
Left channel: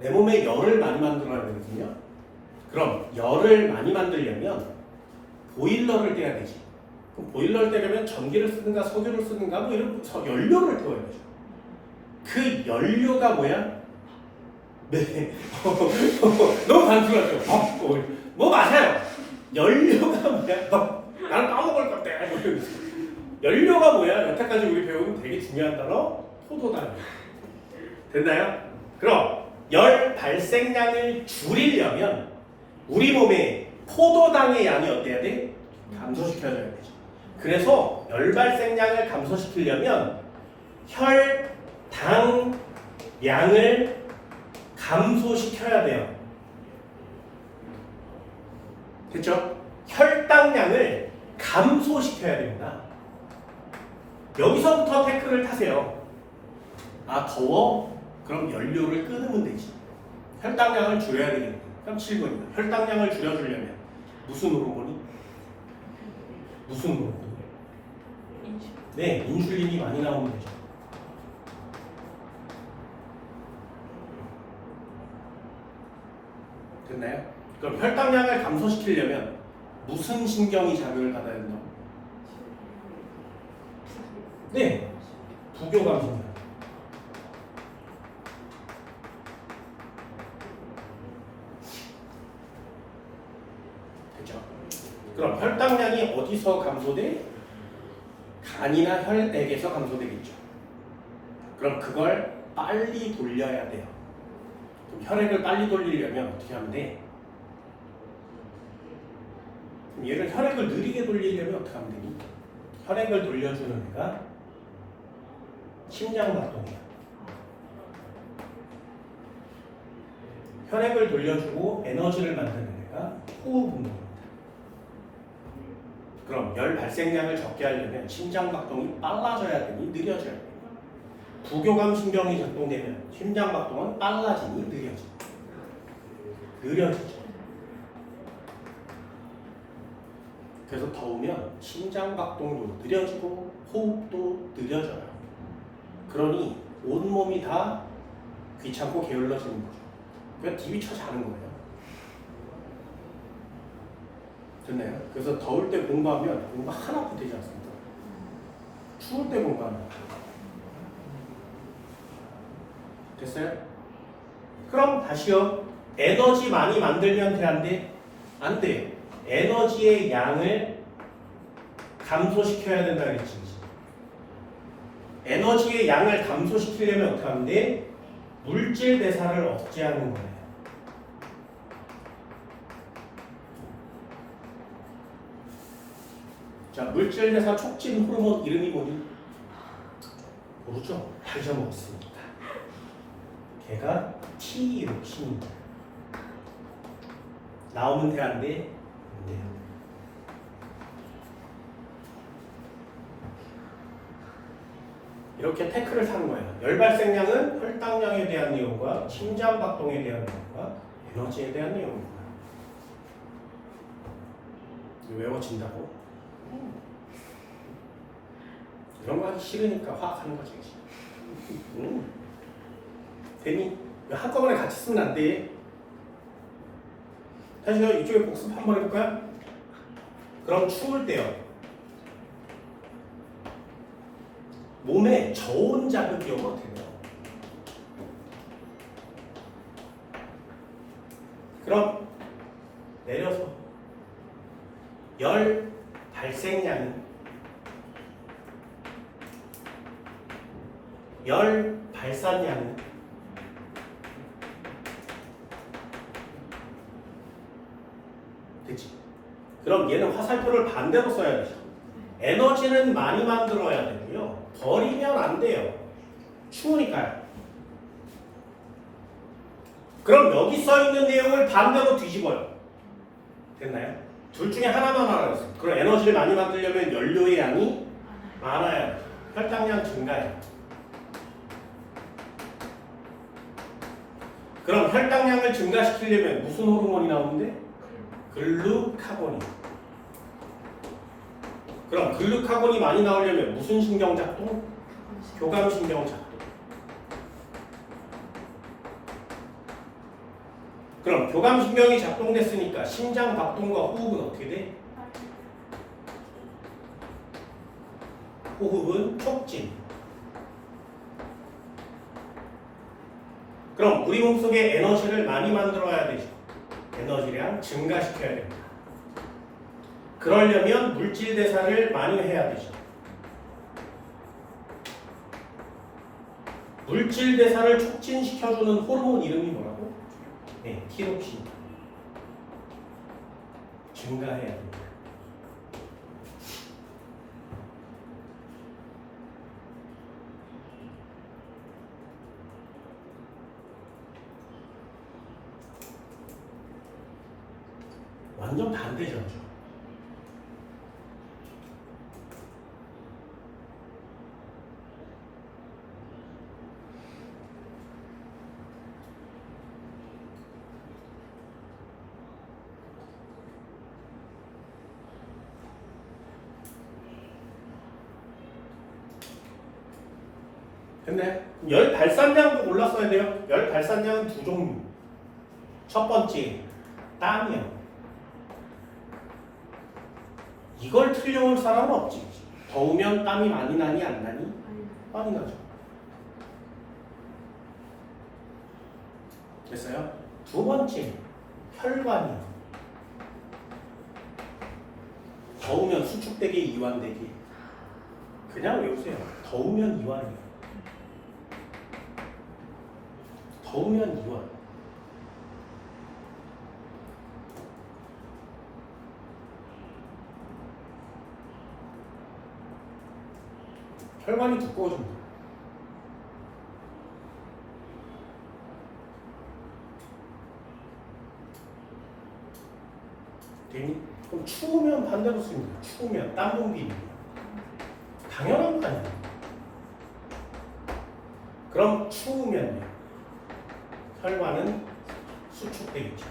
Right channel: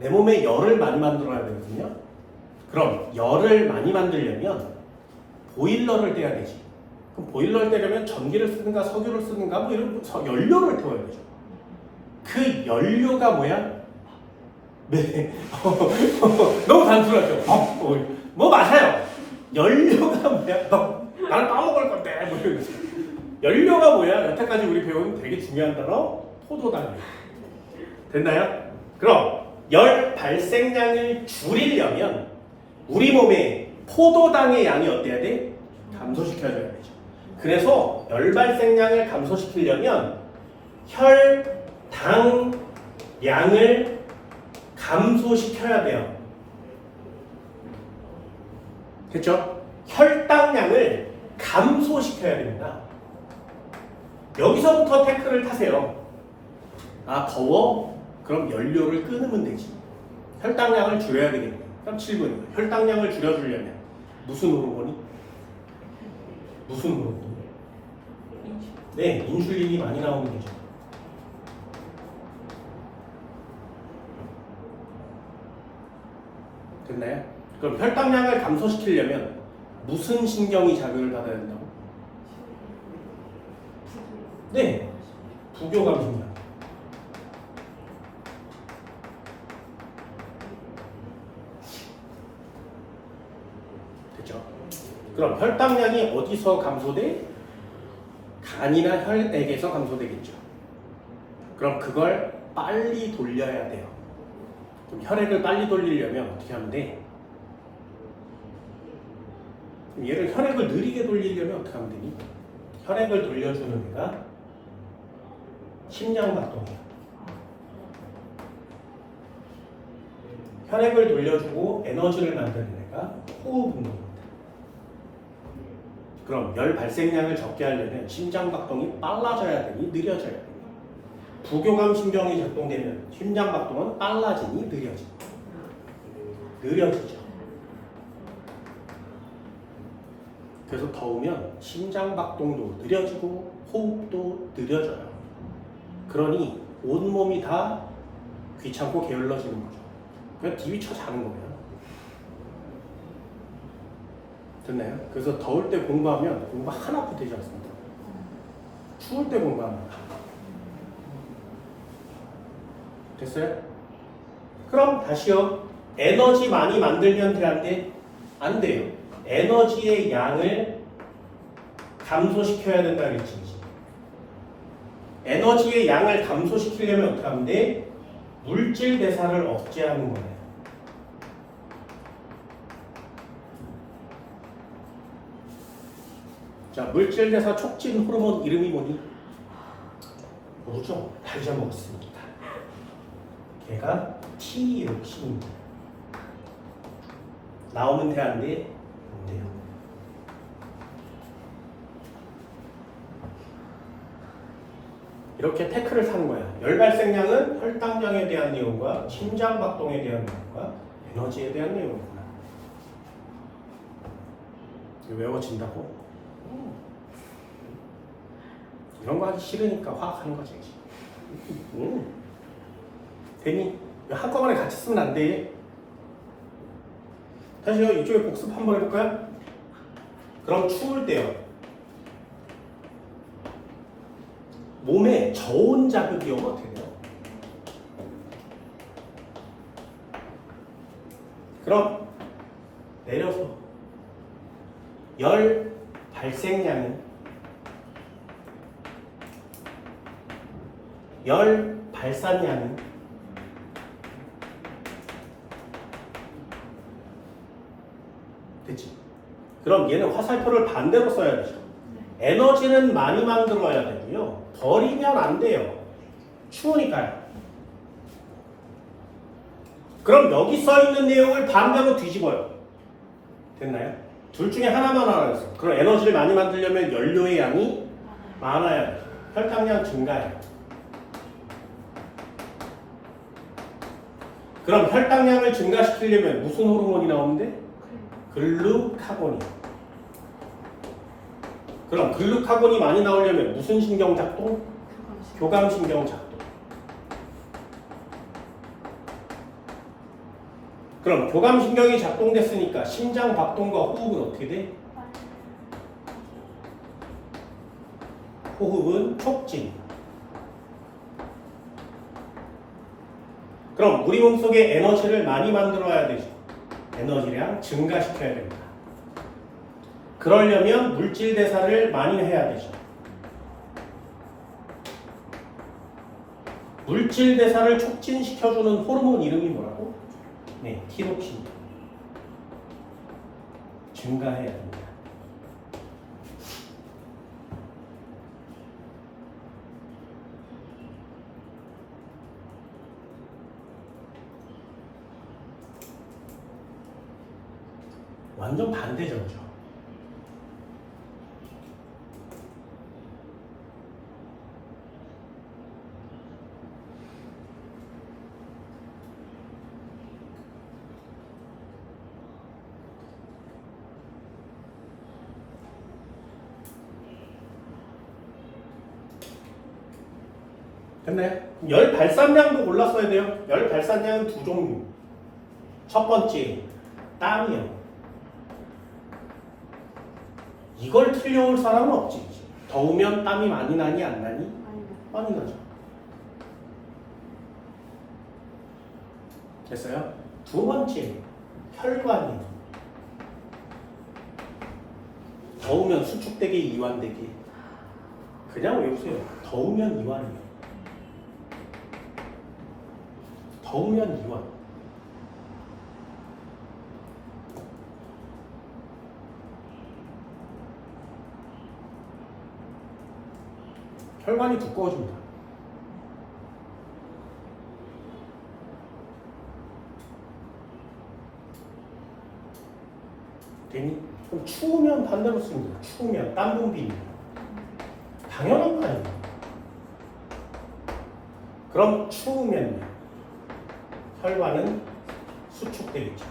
내 몸에 열을 많이 만들어야 되거든요. 그럼 열을 많이 만들려면 보일러를 떼야 되지. 그럼 보일러를 떼려면 전기를 쓰는가 석유를 쓰는가 뭐 이런 연료를 태워야 되죠. 그 연료가 뭐야? 네. 너무 단순하죠. 뭐 맞아요. 연료가 뭐야? 나는 까먹을 건데. 뭐 이런. 연료가 뭐야? 여태까지 우리 배운 되게 중요한 단어 포도당. 됐나요? 그럼 열 발생량을 줄이려면 우리 몸에 포도당의 양이 어때야 돼? 감소시켜줘야 되죠. 그래서 열 발생량을 감소시키려면 혈당 양을 감소시켜야 돼요. 됐죠? 혈당량을 감소시켜야 됩니다. 여기서부터 태클을 타세요. 아, 더워? 그럼 연료를 끊으면 되지. 혈당량을 줄여야 되겠네. 그럼 7번이요. 혈당량을 줄여주려면 무슨 호르몬이? 무슨 호르몬이? 네, 인슐린이 많이 나오면 되죠. 됐나요? 그럼 혈당량을 감소시키려면 무슨 신경이 자극을 받아야 된다고? 네, 부교감 신경. 됐죠? 그럼 혈당량이 어디서 감소돼? 간이나 혈액에서 감소되겠죠. 그럼 그걸 빨리 돌려야 돼요. 그럼 혈액을 빨리 돌리려면 어떻게 하면 돼? 그럼 얘를 혈액을 느리게 돌리려면 어떻게 하면 되니? 혈액을 돌려주는 애가 심장박동이야. 혈액을 돌려주고 에너지를 만드는 애가 호흡운동입니다. 그럼 열 발생량을 적게 하려면 심장박동이 빨라져야 되니 느려져야 되니? 부교감 신경이 작동되면 심장박동은 빨라지니 느려지니? 느려지죠. 그래서 더우면 심장박동도 느려지고 호흡도 느려져요. 그러니 온몸이 다 귀찮고 게을러지는 거죠. 그냥 TV 쳐 자는 거예요. 됐나요? 그래서 더울 때 공부하면 공부 하나도 되지 않습니다. 추울 때 공부합니다. 됐어요? 그럼 다시요. 에너지 많이 만들면 돼, 안 돼? 안 돼요. 에너지의 양을 감소시켜야 된다 그랬지. 에너지의 양을 감소시키려면 어떻게 하면 돼? 물질 대사를 억제하는 거예요. 자, 물질 대사 촉진 호르몬 이름이 뭐니? 모르죠? 다 잊어먹었으니까. 걔가 T이록신입니다. 나오면 돼, 안 돼? 안 돼요. 이렇게 태클을 타는 거야. 열 발생량은 혈당량에 대한 내용과 심장박동에 대한 내용과 에너지에 대한 내용이구나. 외워진다고? 이런 거 하기 싫으니까 확 하는 거지. 괜히 한꺼번에 같이 쓰면 안 돼. 다시요. 이쪽에 복습 한번 해볼까요? 그럼 추울 때요. 몸에 저온 자극이 오면 어떻게 돼요? 그럼 내려서 열 발생량은 열 발산량은 됐지? 그럼 얘는 화살표를 반대로 써야 되죠. 에너지는 많이 만들어야 되고요. 버리면 안 돼요. 추우니까요. 그럼 여기 써있는 내용을 반대로 뒤집어요. 됐나요? 둘 중에 하나만 하라고 했어요. 그럼 에너지를 많이 만들려면 연료의 양이 많아야 돼요. 혈당량 증가해요. 그럼 혈당량을 증가시키려면 무슨 호르몬이 나오는데? 글루카곤이. 그럼 글루카곤이 많이 나오려면 무슨 신경 작동? 교감신경 작동. 그럼 교감신경이 작동됐으니까 심장 박동과 호흡은 어떻게 돼? 호흡은 촉진. 그럼 우리 몸속에 에너지를 많이 만들어야 되죠. 에너지량 증가시켜야 됩니다. 그러려면 물질 대사를 많이 해야 되죠. 물질 대사를 촉진시켜주는 호르몬 이름이 뭐라고? 네, 티로킨. 증가해야 됩니다. 완전 반대전이죠. 됐네. 열 발산량도 골랐어야 돼요. 열 발산량은 두 종류. 첫 번째, 땀이요. 이걸 틀려올 사람은 없지. 더우면 땀이 많이 나니 안 나니? 많이 나죠. 됐어요? 두 번째, 혈관이요. 더우면 수축되게 이완되게. 그냥 외우세요. 더우면 이완이에요. 더우면 이완. 혈관이 두꺼워집니다. 되니? 그럼 추우면 반대로 씁니다. 추우면 땀 분비입니다. 당연한 거 아니에요. 그럼 추우면 혈관은 수축되겠죠.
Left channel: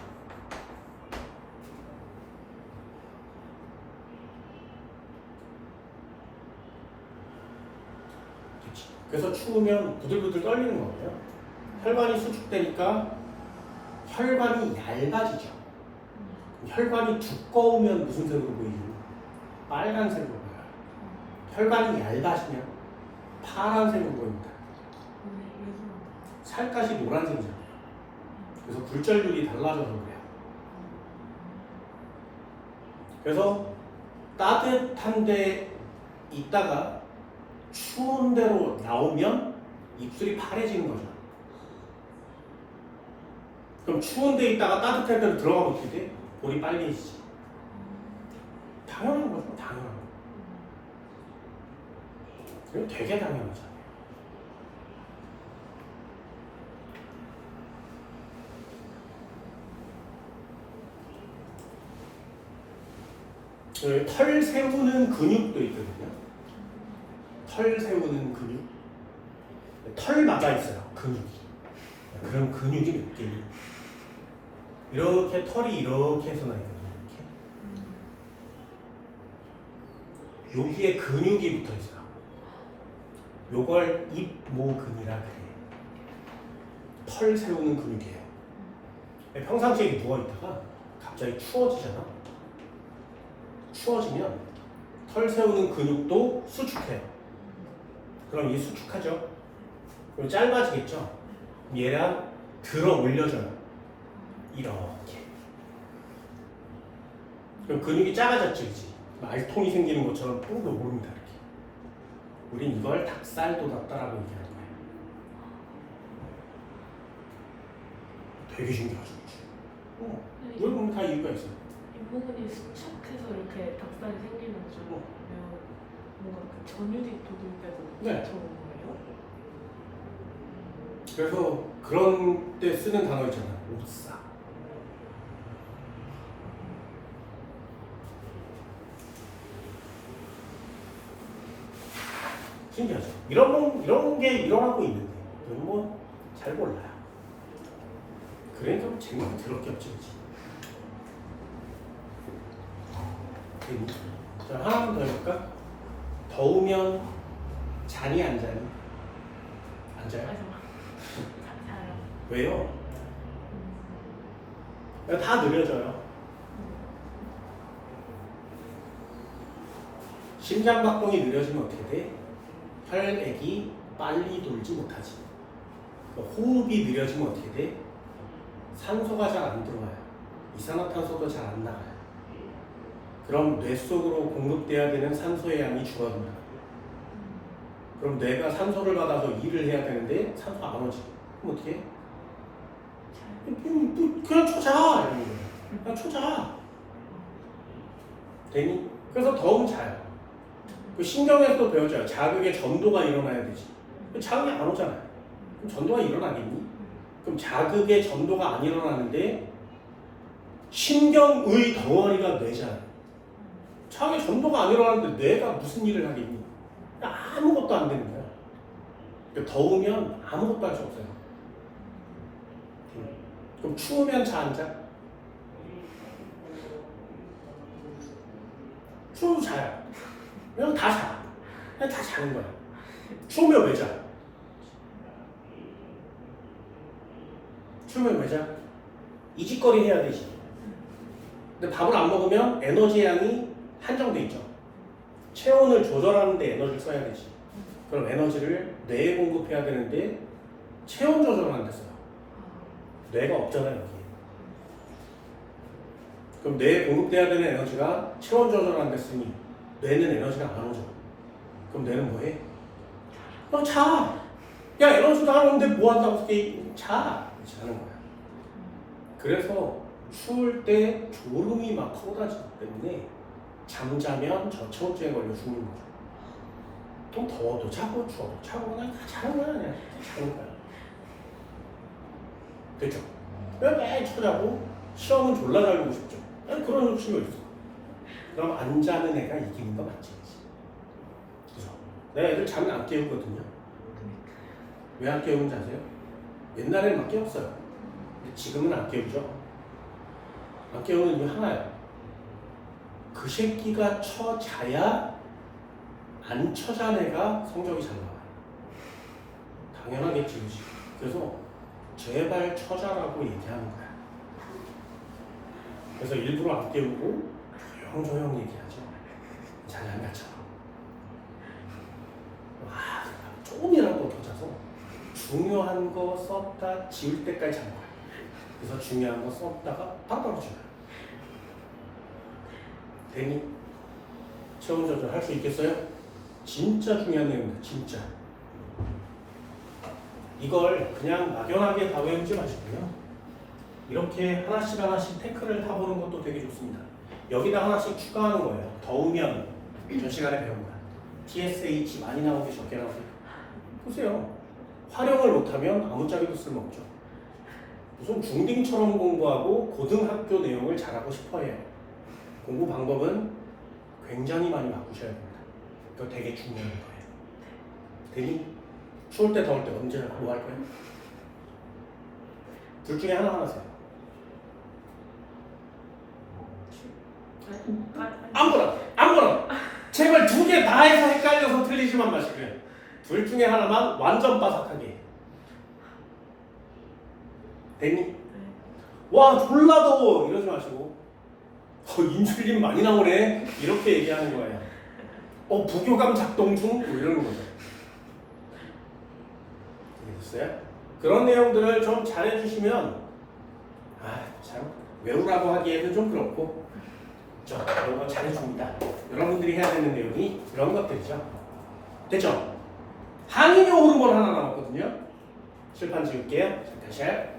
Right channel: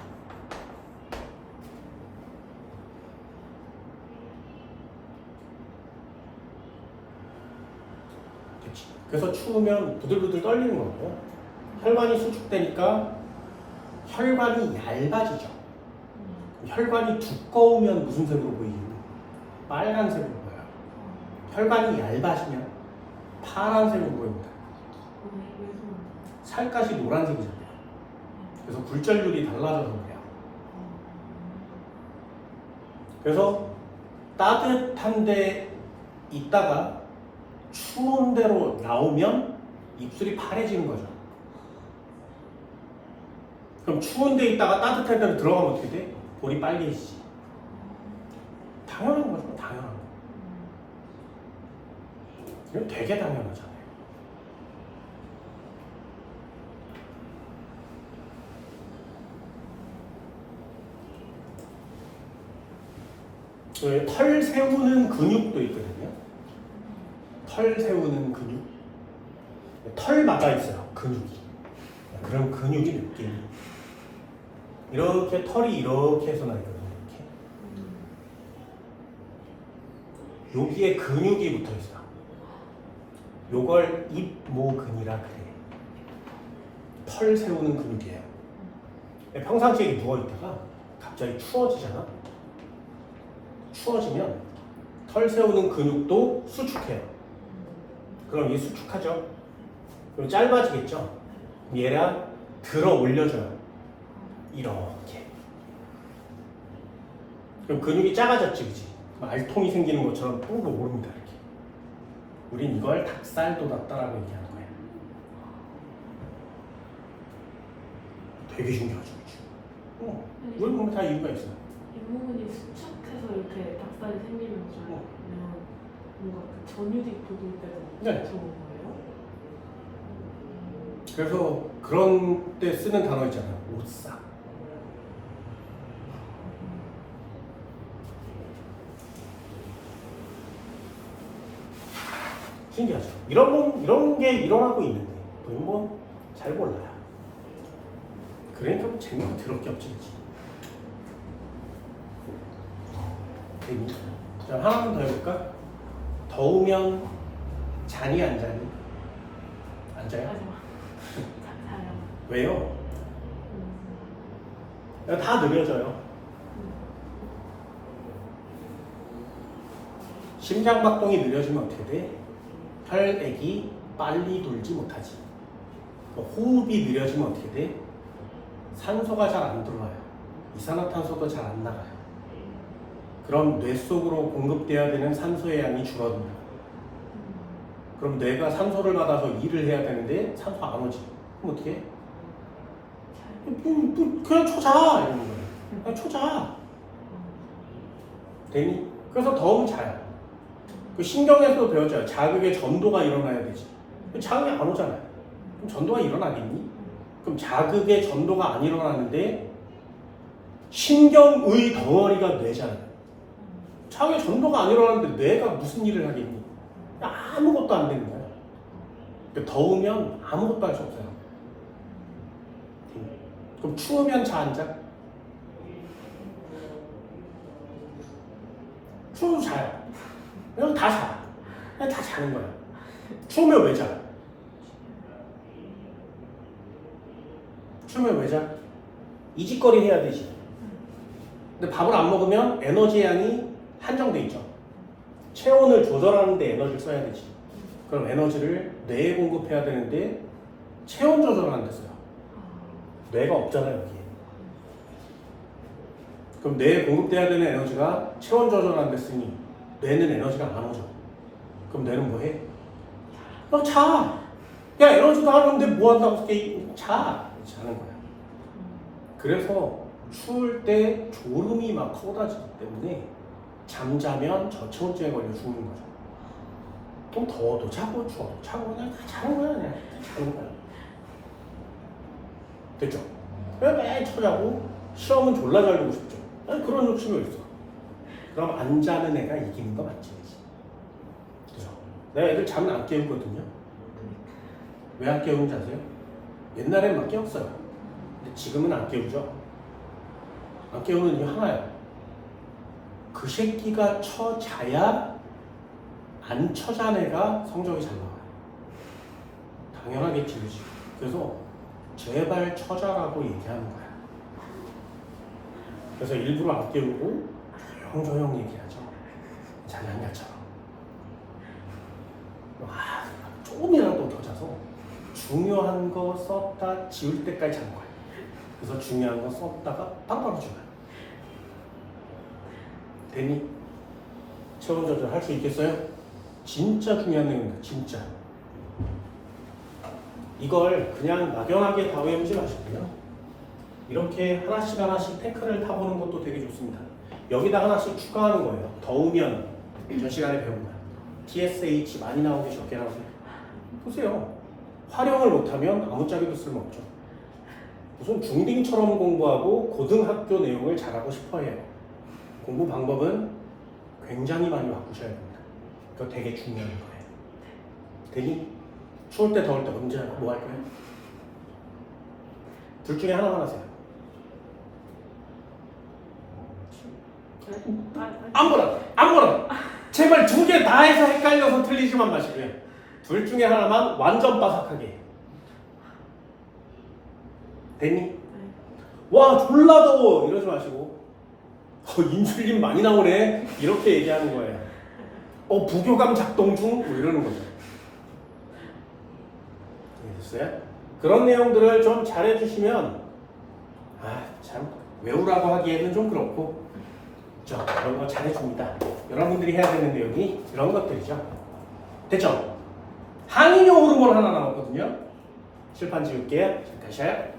그치. 그래서 추우면 부들부들 떨리는 거고요. 혈관이 수축되니까 혈관이 얇아지죠. 혈관이 두꺼우면 무슨 색으로 보이죠? 빨간색으로 보여요. 혈관이 얇아지면 파란색으로 보입니다. 살갗이 노란색이잖아요. 그래서 굴절률이 달라져서 그래요. 그래서 따뜻한 데 있다가 추운 데로 나오면 입술이 파래지는 거죠. 그럼 추운 데 있다가 따뜻한 데로 들어가면 어떻게 돼? 볼이 빨개지지. 당연한 거죠. 당연한 거. 이거 되게 당연하잖아요. 털 세우는 근육도 있거든요. 털 세우는 근육. 털마다 있어요. 근육이. 그런 근육이 몇 개. 이렇게 털이 이렇게 해서 나 있거든요. 이렇게. 여기에 근육이 붙어 있어요. 요걸 입모근이라 그래요. 털 세우는 근육이에요. 평상시에 누워 있다가 갑자기 추워지잖아. 추워지면 털 세우는 근육도 수축해요. 그럼 얘 수축하죠. 그럼 짧아지겠죠. 얘랑 들어 올려줘요. 이렇게. 그럼 근육이 작아졌지, 그치? 알통이 생기는 것처럼 쭉 오릅니다. 이렇게. 우린 이걸 닭살돋았다라고 얘기하는 거예요. 되게 신기하죠. 이걸 보면 다 이유가 있어요. 잇모근이 수축해서 이렇게 닭살이 생기는 거죠. 아니면 뭔가 그 전유직 도들 때도 네. 그런 거예요? 그래서 그런 때 쓰는 단어 있잖아요. 오싹. 신기하죠. 이런 게 일어나고 있는데 우리 잘 몰라요. 그러니까 재미가 더럽게 없지. 되니? 자, 하나만 더 해볼까? 더우면 자니 안 자니? 안 자요? 자요. 왜요? 다 느려져요. 심장박동이 느려지면 어떻게 돼? 혈액이 빨리 돌지 못하지. 호흡이 느려지면 어떻게 돼? 산소가 잘 안 들어와요. 이산화탄소도 잘 안 나가요. 그럼 뇌 속으로 공급돼야 되는 산소의 양이 줄어든다. 그럼 뇌가 산소를 받아서 일을 해야 되는데 산소 안 오지. 그럼 어떻게 해? 그냥 초자 이러는 거예요. 그냥 초자. 되니? 그래서 더우면 자요. 그 신경에서도 배웠잖아요. 자극의 전도가 일어나야 되지. 자극이 안 오잖아요. 그럼 전도가 일어나겠니? 그럼 자극의 전도가 안 일어나는데 신경의 덩어리가 뇌잖아요. 자극의 전도가 안 일어나는데 뇌가 무슨 일을 하겠니? 아무것도 안 되는 거야. 그러니까 더우면 아무것도 할 수 없어요. 그럼 추우면 자 안 자? 추워도 자요. 그냥 다 자. 그냥 다 자는 거야. 추우면 왜 자? 추우면 왜 자? 이직거리 해야 되지. 근데 밥을 안 먹으면 에너지 양이 한정돼 있죠. 체온을 조절하는 데 에너지를 써야 되지. 그럼 에너지를 뇌에 공급해야 되는데 체온 조절을 안 됐어요. 뇌가 없잖아요, 여기. 그럼 뇌에 공급돼야 되는 에너지가 체온 조절 안 됐으니 뇌는 에너지가 안 오죠. 그럼 뇌는 뭐 해? 너 자! 야, 에너지도 안 오는데 뭐 한다고 자! 자는 거야. 그래서 추울 때 졸음이 막 쏟아지기 때문에 잠자면 저체온증에 걸려 죽는 거죠. 또 더워도 자고 추워도 자고 그냥 다 자는 거야. 그냥 자는 거야. 됐죠? 왜 매일 쳐자고 시험은 졸라 잘 보고 싶죠? 아니, 그런 욕심이 있어. 그럼 안 자는 애가 이기는 거 맞지? 그죠? 내 애들 잠을 안 깨우거든요. 왜 안 깨우는지 아세요? 옛날에는 막 깨웠어요. 근데 지금은 안 깨우죠. 안 깨우는 이유 하나예요. 그 새끼가 쳐자야 안 쳐잔 애가 성적이 잘 나와요. 당연하겠지, 그지? 그래서 제발 쳐자라고 얘기하는 거야. 그래서 일부러 안 깨우고 조용조용 얘기하죠. 자냐 쳐. 와, 조금이라도 더 자서 중요한 거 썼다 지울 때까지 자는 거야. 그래서 중요한 거 썼다가 바로 줘요. 되니? 체온 조절 할 수 있겠어요? 진짜 중요한 내용입니다. 진짜. 이걸 그냥 막연하게 다 외우지 마시고요. 이렇게 하나씩 하나씩 태클을 타보는 것도 되게 좋습니다. 여기다 하나씩 추가하는 거예요. 더우면 전 시간에 배운 거야. TSH 많이 나오게 적게 나오게. 보세요. 활용을 못하면 아무짝에도 쓸모없죠. 무슨 중딩처럼 공부하고 고등학교 내용을 잘하고 싶어해요. 공부 방법은 굉장히 많이 바꾸셔야 됩니다. 그거 되게 중요한 거예요. 되니? 추울 때 더울 때 언제 뭐 할 거예요? 둘 중에 하나만 하세요. 아무거나. 제발 두 개 다 해서 헷갈려서 틀리지만 마시고요. 둘 중에 하나만 완전 바삭하게. 됐니? 와, 졸라 더워 이러지 마시고 인슐린 많이 나오네 이렇게 얘기하는 거예요. 부교감 작동 중 뭐 이러는 거죠. 됐어요? 그런 내용들을 좀 잘해주시면 참 외우라고 하기에는 좀 그렇고 그런 거 잘해줍니다. 여러분들이 해야 되는 내용이 이런 것들이죠. 됐죠? 항이뇨 호르몬 하나 남았거든요. 칠판 지울게요. 다시 해요.